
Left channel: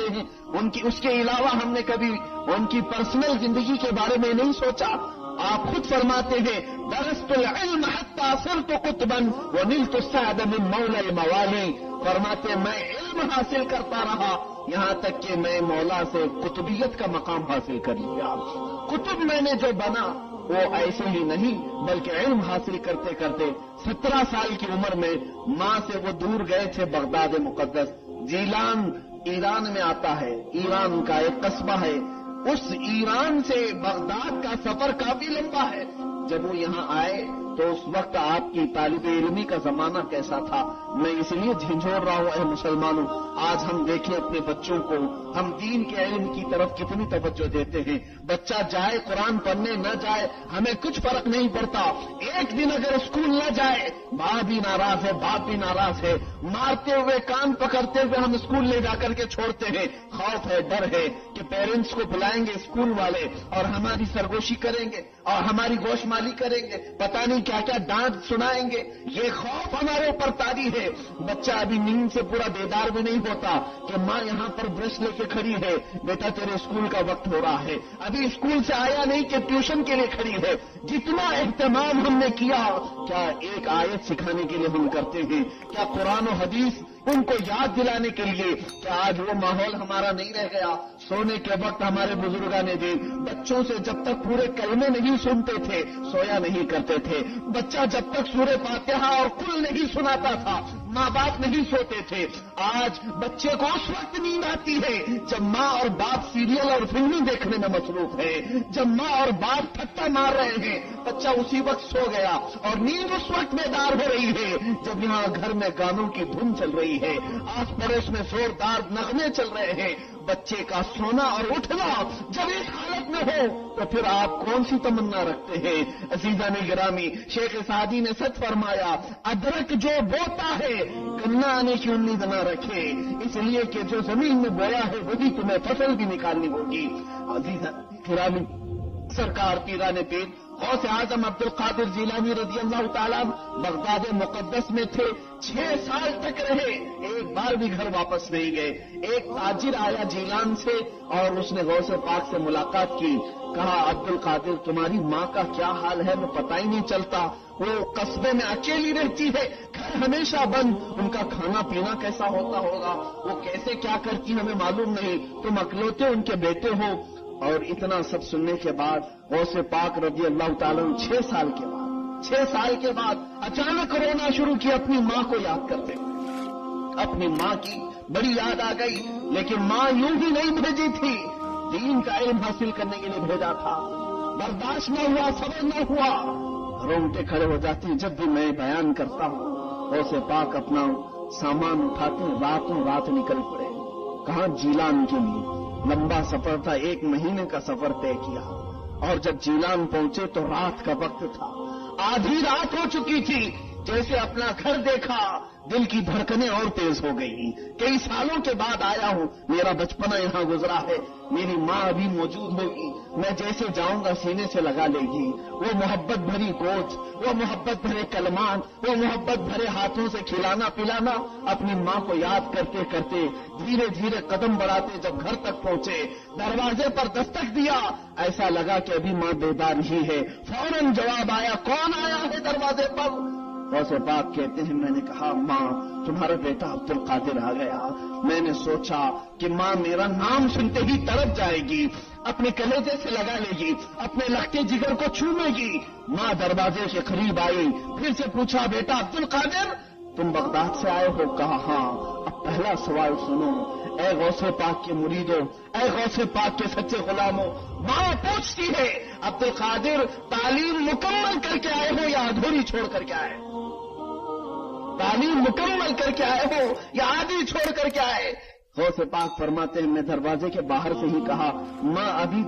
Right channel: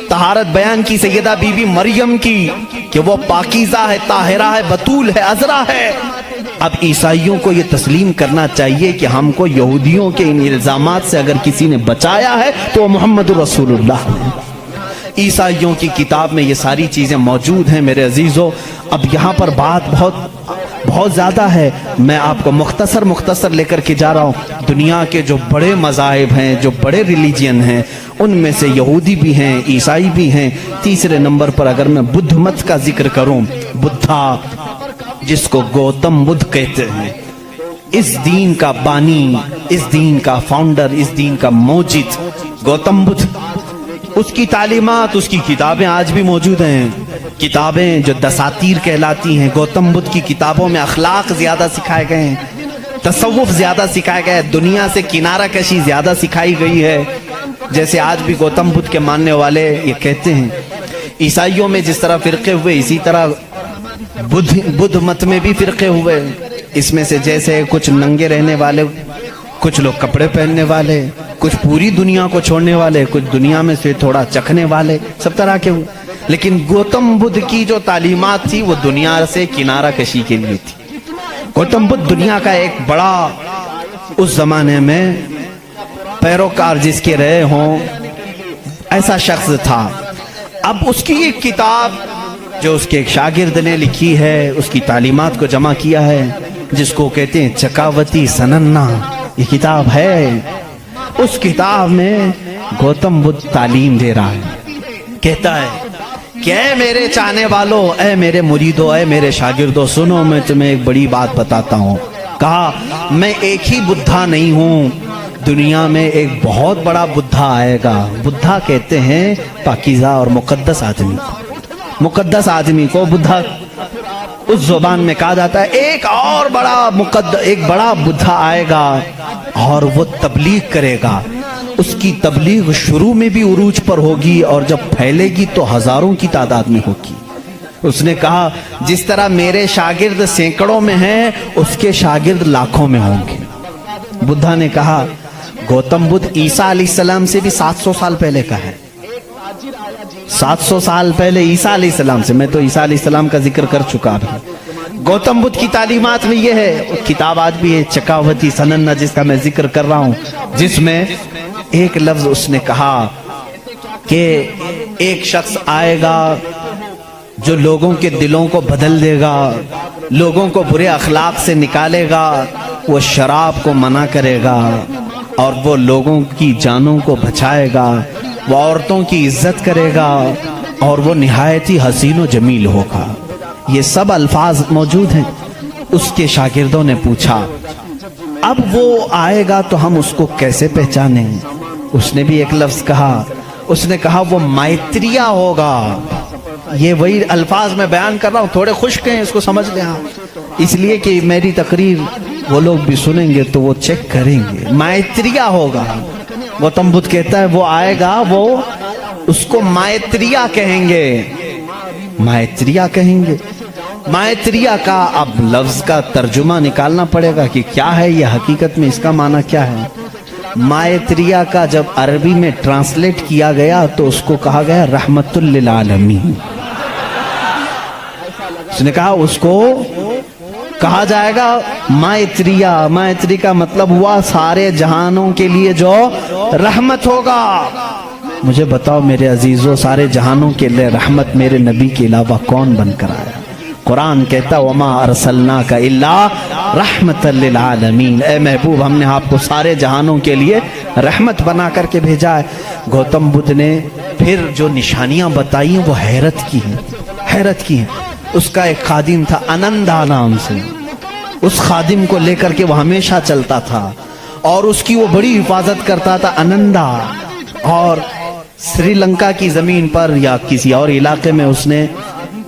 طہارت بیان کی سیدہ بی بی مریم کی کہ وہ پاکیزہ ہے، طاہرہ ہے، بتول ہے، عذرا ہے. اب عیسائیوں کو یہ تسلیم کرنا چاہیے کہ ہم کو یہودیوں کے ان الزامات سے اگر کسی نے بچایا ہے تو وہ محمد رسول اللہ ہے. عیسائیوں کی کتاب میں یہ ساری چیزیں موجود ہیں میرے عزیزو. اب یہاں پر بات بہت زیادہ ہے، میں آپ کو مختصر لے کر کے جا رہا ہوں. دنیا کے جو بڑے مذاہب ہیں، جو بڑے ریلیجین ہیں، ان میں سے یہودی بھی ہیں، عیسائی بھی ہیں. تیسرے نمبر پر اگر میں بدھ مت کا ذکر کروں، بدھا جس کو گوتم بدھ کہتے ہیں، اس دین کا بانی، اس دین کا فاؤنڈر، اس دین کا موجد گوتم بدھ. اس کی تعلیمات، اس کی کتابیں آج بھی موجود ہیں. کتابیں جو دساتیر کہلاتی ہیں، گوتم بدھ کی کتابوں میں اخلاق زیادہ سکھائے گئے ہیں، تصوف زیادہ سکھایا گیا ہے، دنیا سے کنارہ کشی زیادہ سکھائی گئی ہے. جیسے آج بھی گوتم بدھ کے ماننے والے یہ کہتے ہیں. عیسائیوں میں جس طرح فرقے ہوئے، اسی طرح بدھ مت میں بھی فرقے ہوئے. اس میں سے جیسے کچھ ننگے رہنے والے، کچھ لوگ کپڑے پہننے والے، کچھ پوری دنیا کو چھوڑنے والے، کچھ دنیا میں سے تھوڑا چکھنے والے، سب طرح کے. لیکن گوتم بدھ کی جو تعلیمات تھی وہ دنیا سے کنارہ کشی کے لیے تھی. گوتم بدھ دنیا کا ایک بڑا اس زمانے میں پیروکار جس کے رہے ہوں ایسا شخص تھا. اب اس کی ایک کتاب جو اس کے ایک شاگرد نے لکھی ہے، اس کی تعلیمات کو جمع کیا ہے، جس کو کہتے ہیں چکاوتی سننا، یہ کتاب ہے. اس کتاب میں گوتم بدھ تعلیم دے رہا ہے. کہتا ہے کہ اے میرے چاہنے والوں، اے میرے مریدوں، اے میرے شاگردوں، سنو میں تمہیں ایک بڑی بات بتاتا ہوں. کہا میں ایک ہی بدھا نہیں ہوں، دنیا میں ایک بہت بڑا بدھا آئے گا. بدھا کہتے ہیں پاکیزہ اور مقدس آدمی. مقدس آدمی کو بدھا اس زبان میں کہا جاتا ہے. ایک اور بڑا بدھا آئے گا اور وہ تبلیغ کرے گا. اس کی تبلیغ شروع میں بھی عروج پر ہوگی اور جب پھیلے گی تو ہزاروں کی تعداد میں ہوگی. اس نے کہا جس طرح میرے شاگرد سینکڑوں میں ہیں، اس کے شاگرد لاکھوں میں ہوں گے. بدھا نے کہا گوتم بدھ عیسیٰ علیہ السلام سے بھی 700 سال پہلے کا ہے. 700 سال پہلے عیسیٰ علیہ السلام سے، میں تو عیسیٰ علیہ السلام کا ذکر کر چکا ہوں. گوتم بدھ کی تعلیمات میں یہ ہے. کتاب آج بھی ہے چکاوتی سننا جس کا میں ذکر کر رہا ہوں، جس میں ایک لفظ اس نے کہا کہ ایک شخص آئے گا جو لوگوں کے دلوں کو بدل دے گا، لوگوں کو برے اخلاق سے نکالے گا، وہ شراب کو منع کرے گا اور وہ لوگوں کی جانوں کو بچائے گا، وہ عورتوں کی عزت کرے گا اور وہ نہایت ہی حسین و جمیل ہوگا. یہ سب الفاظ موجود ہیں. اس کے شاگردوں نے پوچھا اب وہ آئے گا تو ہم اس کو کیسے پہچانیں؟ اس نے بھی ایک لفظ کہا. اس نے کہا وہ مائتریہ ہوگا. یہ وہی الفاظ میں بیان کر رہا ہوں، تھوڑے خشک ہیں، اس کو سمجھ لیں آپ، اس لیے کہ میری تقریر وہ لوگ بھی سنیں گے تو وہ چیک کریں گے. مائتریہ ہوگا. گوتم بدھ کہتا ہے وہ آئے گا، وہ اس کو مائتریہ کہیں گے. مائتریہ کہیں گے. مائتریہ کا اب لفظ کا ترجمہ نکالنا پڑے گا کہ کیا ہے یہ حقیقت میں، اس کا معنی کیا ہے. مائتریہ کا جب عربی میں ٹرانسلیٹ کیا گیا تو اس کو کہا گیا رحمت للعالمین. اس نے کہا اس کو کہا جائے گا مائتریہ. مائتری کا مطلب ہوا سارے جہانوں کے لیے جو رحمت ہوگا. مجھے بتاؤ میرے عزیزو، سارے جہانوں کے لیے رحمت میرے نبی کے علاوہ کون بن کر آیا؟ قرآن کہتا وما ارسلناک الا رحمت للعالمین. اے محبوب ہم نے آپ کو سارے جہانوں کے لیے رحمت بنا کر کے بھیجا ہے. گوتم بدھ نے پھر جو نشانیاں بتائی ہیں وہ حیرت کی ہیں. اس کا ایک خادم تھا انندا نام سے. اس خادم کو لے کر کے وہ ہمیشہ چلتا تھا اور اس کی وہ بڑی حفاظت کرتا تھا انندا. اور سری لنکا کی زمین پر یا کسی اور علاقے میں اس نے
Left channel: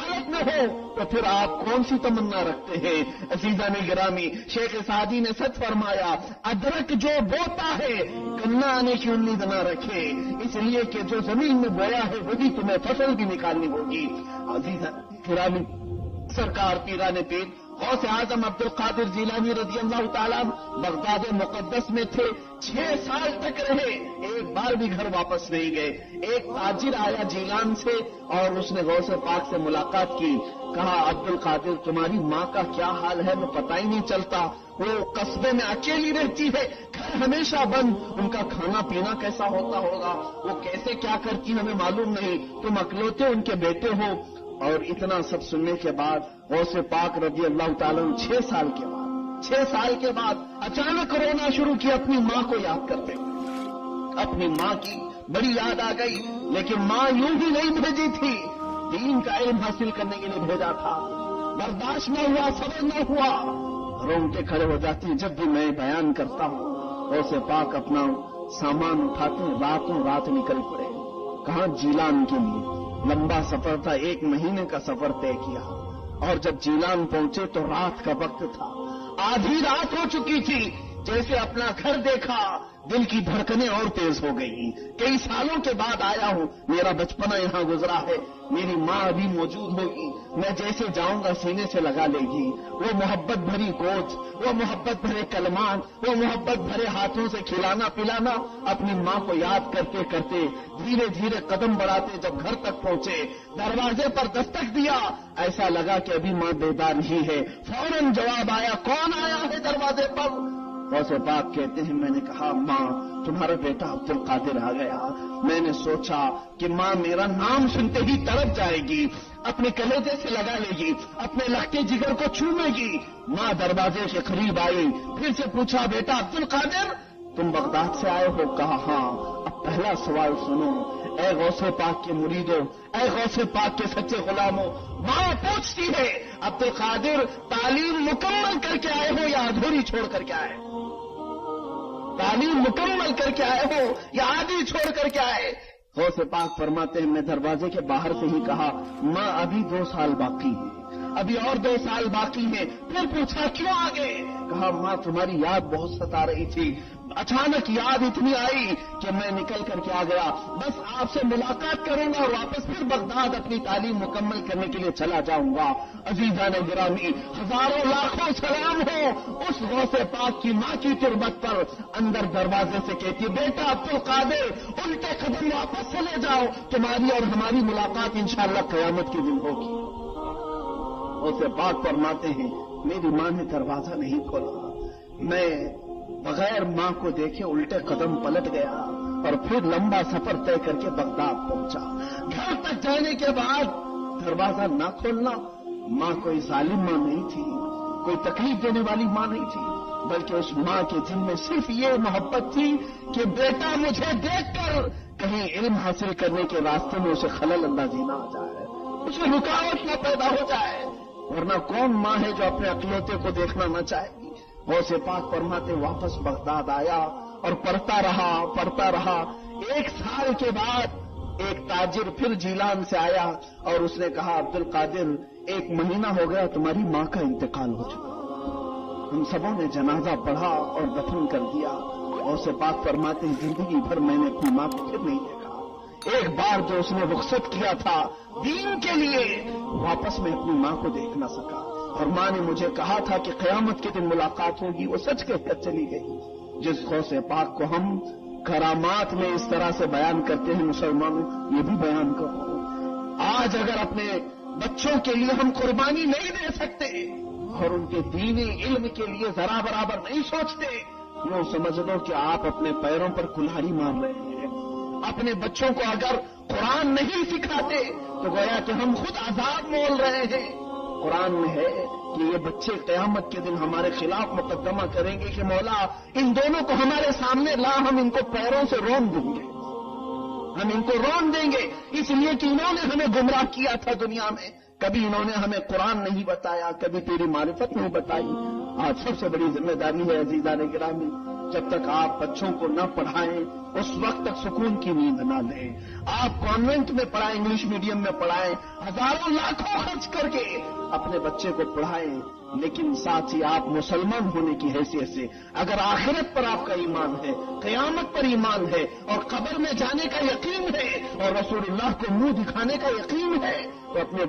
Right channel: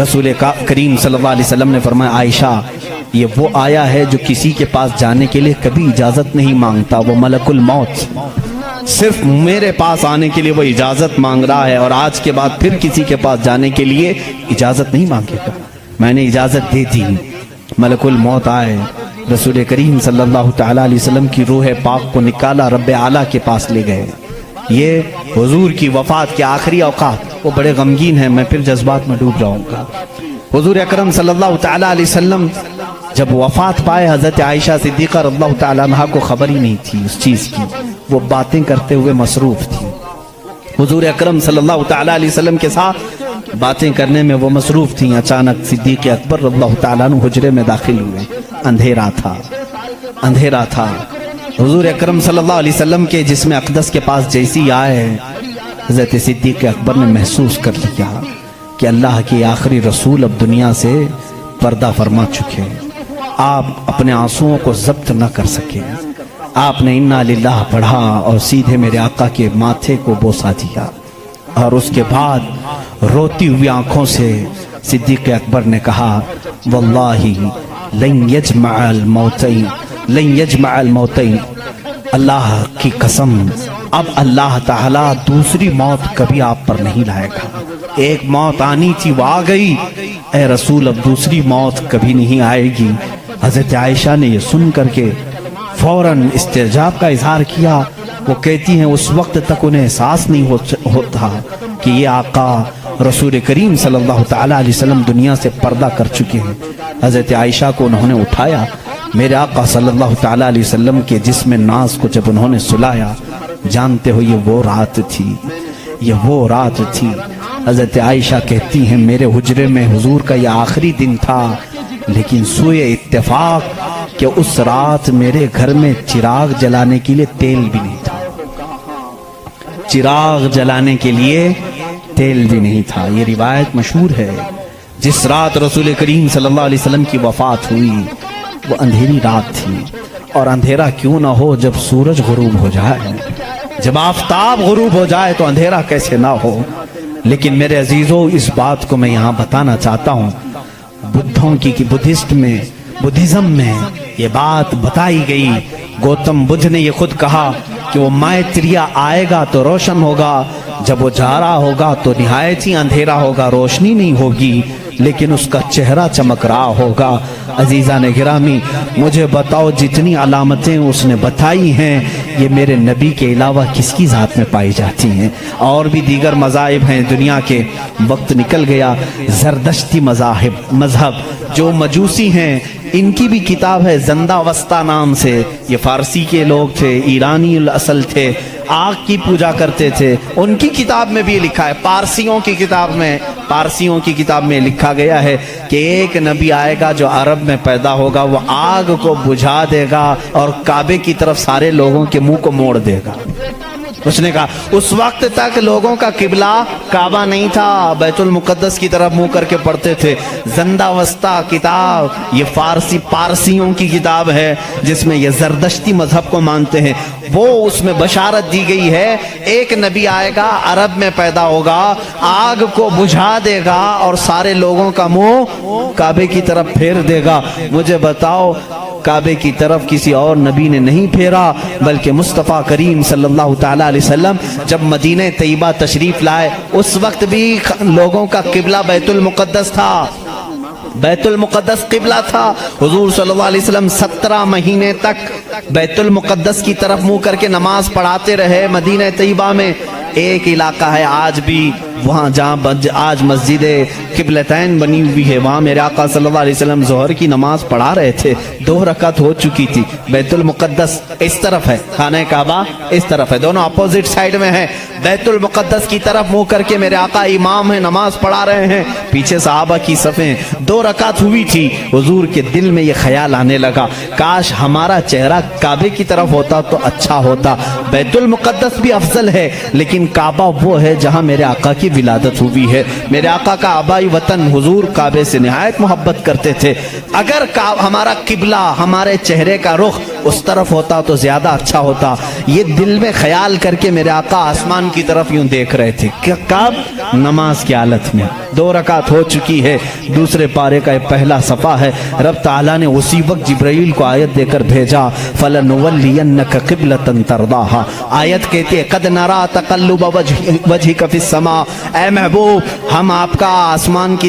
رسول کریم صلی اللہ علیہ وسلم نے فرمایا عائشہ یہ وہ آیا ہے جو کسی کے پاس جانے کے لیے کبھی اجازت نہیں مانگتا، وہ ملک الموت صرف میرے پاس آنے کے لیے وہ اجازت مانگ رہا ہے، اور آج کے بعد پھر کسی کے پاس جانے کے لیے اجازت نہیں مانگے گا۔ میں نے اجازت دے دی، ملک الموت آئے، رسول کریم صلی اللہ تعالی علیہ وسلم کی روح پاک کو نکالا، رب اعلیٰ کے پاس لے گئے۔ یہ حضور کی وفات کے آخری اوقات، وہ بڑے غمگین ہیں، میں پھر جذبات میں ڈوب جاؤں گا۔ حضور اکرم صلی اللہ تعالی علیہ وسلم جب وفات پائے، حضرت عائشہ صدیقہ رضی اللہ تعالی عنہا کو خبر ہی نہیں تھی اس چیز کی، وہ باتیں کرتے ہوئے مصروف تھی۔ حضور اکرم صلی اللہ تعالی علیہ وسلم کے ساتھ باتیں کرنے میں وہ مصروف تھیں۔ اچانک صدیق اکبر رضی اللہ تعالیٰ عنہ حجرے میں داخل ہوئے، اندھیرا تھا۔ حضور اکرم صلی اللہ علیہ وسلم کے جسم اقدس کے پاس جیسی آئے، حضرت صدیق اکبر نے محسوس کر لیا کہ اللہ کے آخری رسول اب دنیا سے پردہ فرما چکے۔ آپ اپنے آنسوؤں کو ضبط نہ کر سکے، آپ نے انا للہ پڑھا اور سیدھے میرے آقا کے ماتھے کو بوسہ دیا، اور اس کے بعد روتی ہوئی آنکھوں سے صدیق اکبر نے کہا واللہ لن یجمع الموتین، اللہ کی قسم اب اللہ تعالیٰ دوسری موت کبھی آپ پر نہیں لائے گا۔ ایک موت آنی تھی وہ آ گئی، اے رسول اب دوسری موت کبھی نہیں آئے گی۔ حضرت عائشہ نے یہ سن کر کے فوراً استعجاب کا اظہار کیا۔ وہ کہتی ہیں اس وقت تک انہیں احساس نہیں ہوتا کہ یہ آقا رسول کریم صلی اللہ تعالی علیہ وسلم دنیا سے پردہ کر چکے ہیں۔ حضرت عائشہ کو انہوں نے اٹھایا، میرے آقا صلی اللہ تعالی علیہ وسلم کے جسم ناز کو جب انہوں نے سلایا، جانتے ہو یہ وہ رات تھی۔ حضرت عائشہ کہتی ہیں میرے حجرے میں حضور کا یہ آخری دن تھا، لیکن سوئے اتفاق کہ اس رات میرے گھر میں چراغ جلانے کے لیے تیل بھی نہیں تھا۔ یہ روایت مشہور ہے۔ جس رات رسول کریم صلی اللہ علیہ وسلم کی وفات ہوئی وہ اندھیری رات تھی، اور اندھیرا کیوں نہ ہو جب سورج غروب ہو جائے، جب آفتاب غروب ہو جائے تو اندھیرا کیسے نہ ہو۔ لیکن میرے عزیزوں اس بات کو میں یہاں بتانا چاہتا ہوں، بدھزم میں یہ بات بتائی گئی۔ گوتم بدھ نے یہ خود کہا کہ وہ مائتریا آئے گا تو روشن ہوگا، جب وہ جا رہا ہوگا تو نہایت ہی اندھیرا ہوگا، روشنی نہیں ہوگی، لیکن اس کا چہرہ چمک رہا ہوگا۔ عزیزان گرامی مجھے بتاؤ جتنی علامتیں اس نے بتائی ہیں یہ میرے نبی کے علاوہ کس کی ذات میں پائی جاتی ہیں؟ اور بھی دیگر مذاہب ہیں دنیا کے، وقت نکل گیا۔ زردشتی مذہب جو مجوسی ہیں ان کی بھی کتاب ہے زندہ وسطہ نام سے، یہ فارسی کے لوگ تھے، ایرانی الاصل تھے، آگ کی پوجا کرتے تھے۔ ان کی کتاب میں بھی لکھا ہے، پارسیوں کی کتاب میں لکھا گیا ہے کہ ایک نبی آئے گا جو عرب میں پیدا ہوگا، وہ آگ کو بجھا دے گا اور کعبے کی طرف سارے لوگوں کے منہ کو موڑ دے گا۔ اس نے کہا اس وقت تک لوگوں کا قبلہ کعبہ نہیں تھا، بیت المقدس کی طرف منہ کر کے پڑھتے تھے۔ زندہ وسطہ کتاب یہ پارسیوں کی کتاب ہے جس میں یہ زردشتی مذہب کو مانتے ہیں۔ وہ اس میں بشارت دی گئی ہے ایک نبی آئے گا، عرب میں پیدا ہوگا، آگ کو بجھا دے گا اور سارے لوگوں کا منہ کعبے کی طرف پھیر دے گا۔ مجھے بتاؤ کعبے کی طرف کسی اور نبی نے نہیں پھیرا، بلکہ مصطفیٰ کریم صلی اللہ تعالی علیہ وسلم جب مدینہ طیبہ تشریف لائے اس وقت بھی لوگوں کا قبلہ بیت المقدس تھا، بیت المقدس قبلہ تھا۔ حضور صلی اللہ علیہ وسلم 17 مہینے تک بیت المقدس کی طرف منہ کر کے نماز پڑھاتے رہے۔ مدینہ طیبہ میں ایک علاقہ ہے آج بھی وہاں جہاں آج مسجد قبلتین بنی ہوئی ہے، وہاں میرے آقا صلی اللہ علیہ وسلم ظہر کی نماز پڑھا رہے تھے، 2 رکعت ہو چکی تھی۔ بیت المقدس اس طرف ہے، خانہ کعبہ اس طرف ہے، دونوں اپوزٹ سائیڈ میں ہیں۔ بیت المقدس کی طرف منہ کر کے میرے آقا امام ہیں، نماز پڑھا رہے ہیں، پیچھے صحابہ کی صفیں، 2 رکعت ہوئی تھی، حضور کے دل میں یہ خیال آنے لگا کاش ہمارا چہرہ کعبے کی طرف ہوتا تو اچھا ہوتا۔ بیت المقدس بھی افضل ہے لیکن کعبہ وہ ہے جہاں میرے آقا کی ولادت ہوئی ہے۔ میرے آقا کا آبائی وطن حضور کعبے سے نہایت محبت کرتے تھے، اگر ہمارا قبلہ ہمارے چہرے کا رخ اس طرف ہوتا تو زیادہ اچھا ہوتا۔ یہ دل میں خیال کر کے میرے آقا آسمان کی طرف یوں دیکھ رہے تھے، کب؟ نماز کی حالت میں۔ 2 رکعت ہو چکی ہے، دوسرے پارے کا پہلا صفحہ ہے، رب تعالیٰ نے اسی وقت جبرائیل کو آیت دے کر بھیجا فَلَنُوَلِّيَنَّكَ قِبْلَةً تَرْضَاهَا۔ آیت کہتے ہیں قَدْ نَرَا تَقَلُّبَ وَجْهِكَ فِي السَّمَاءِ، اے محبوب ہم آپ کا آسمان کی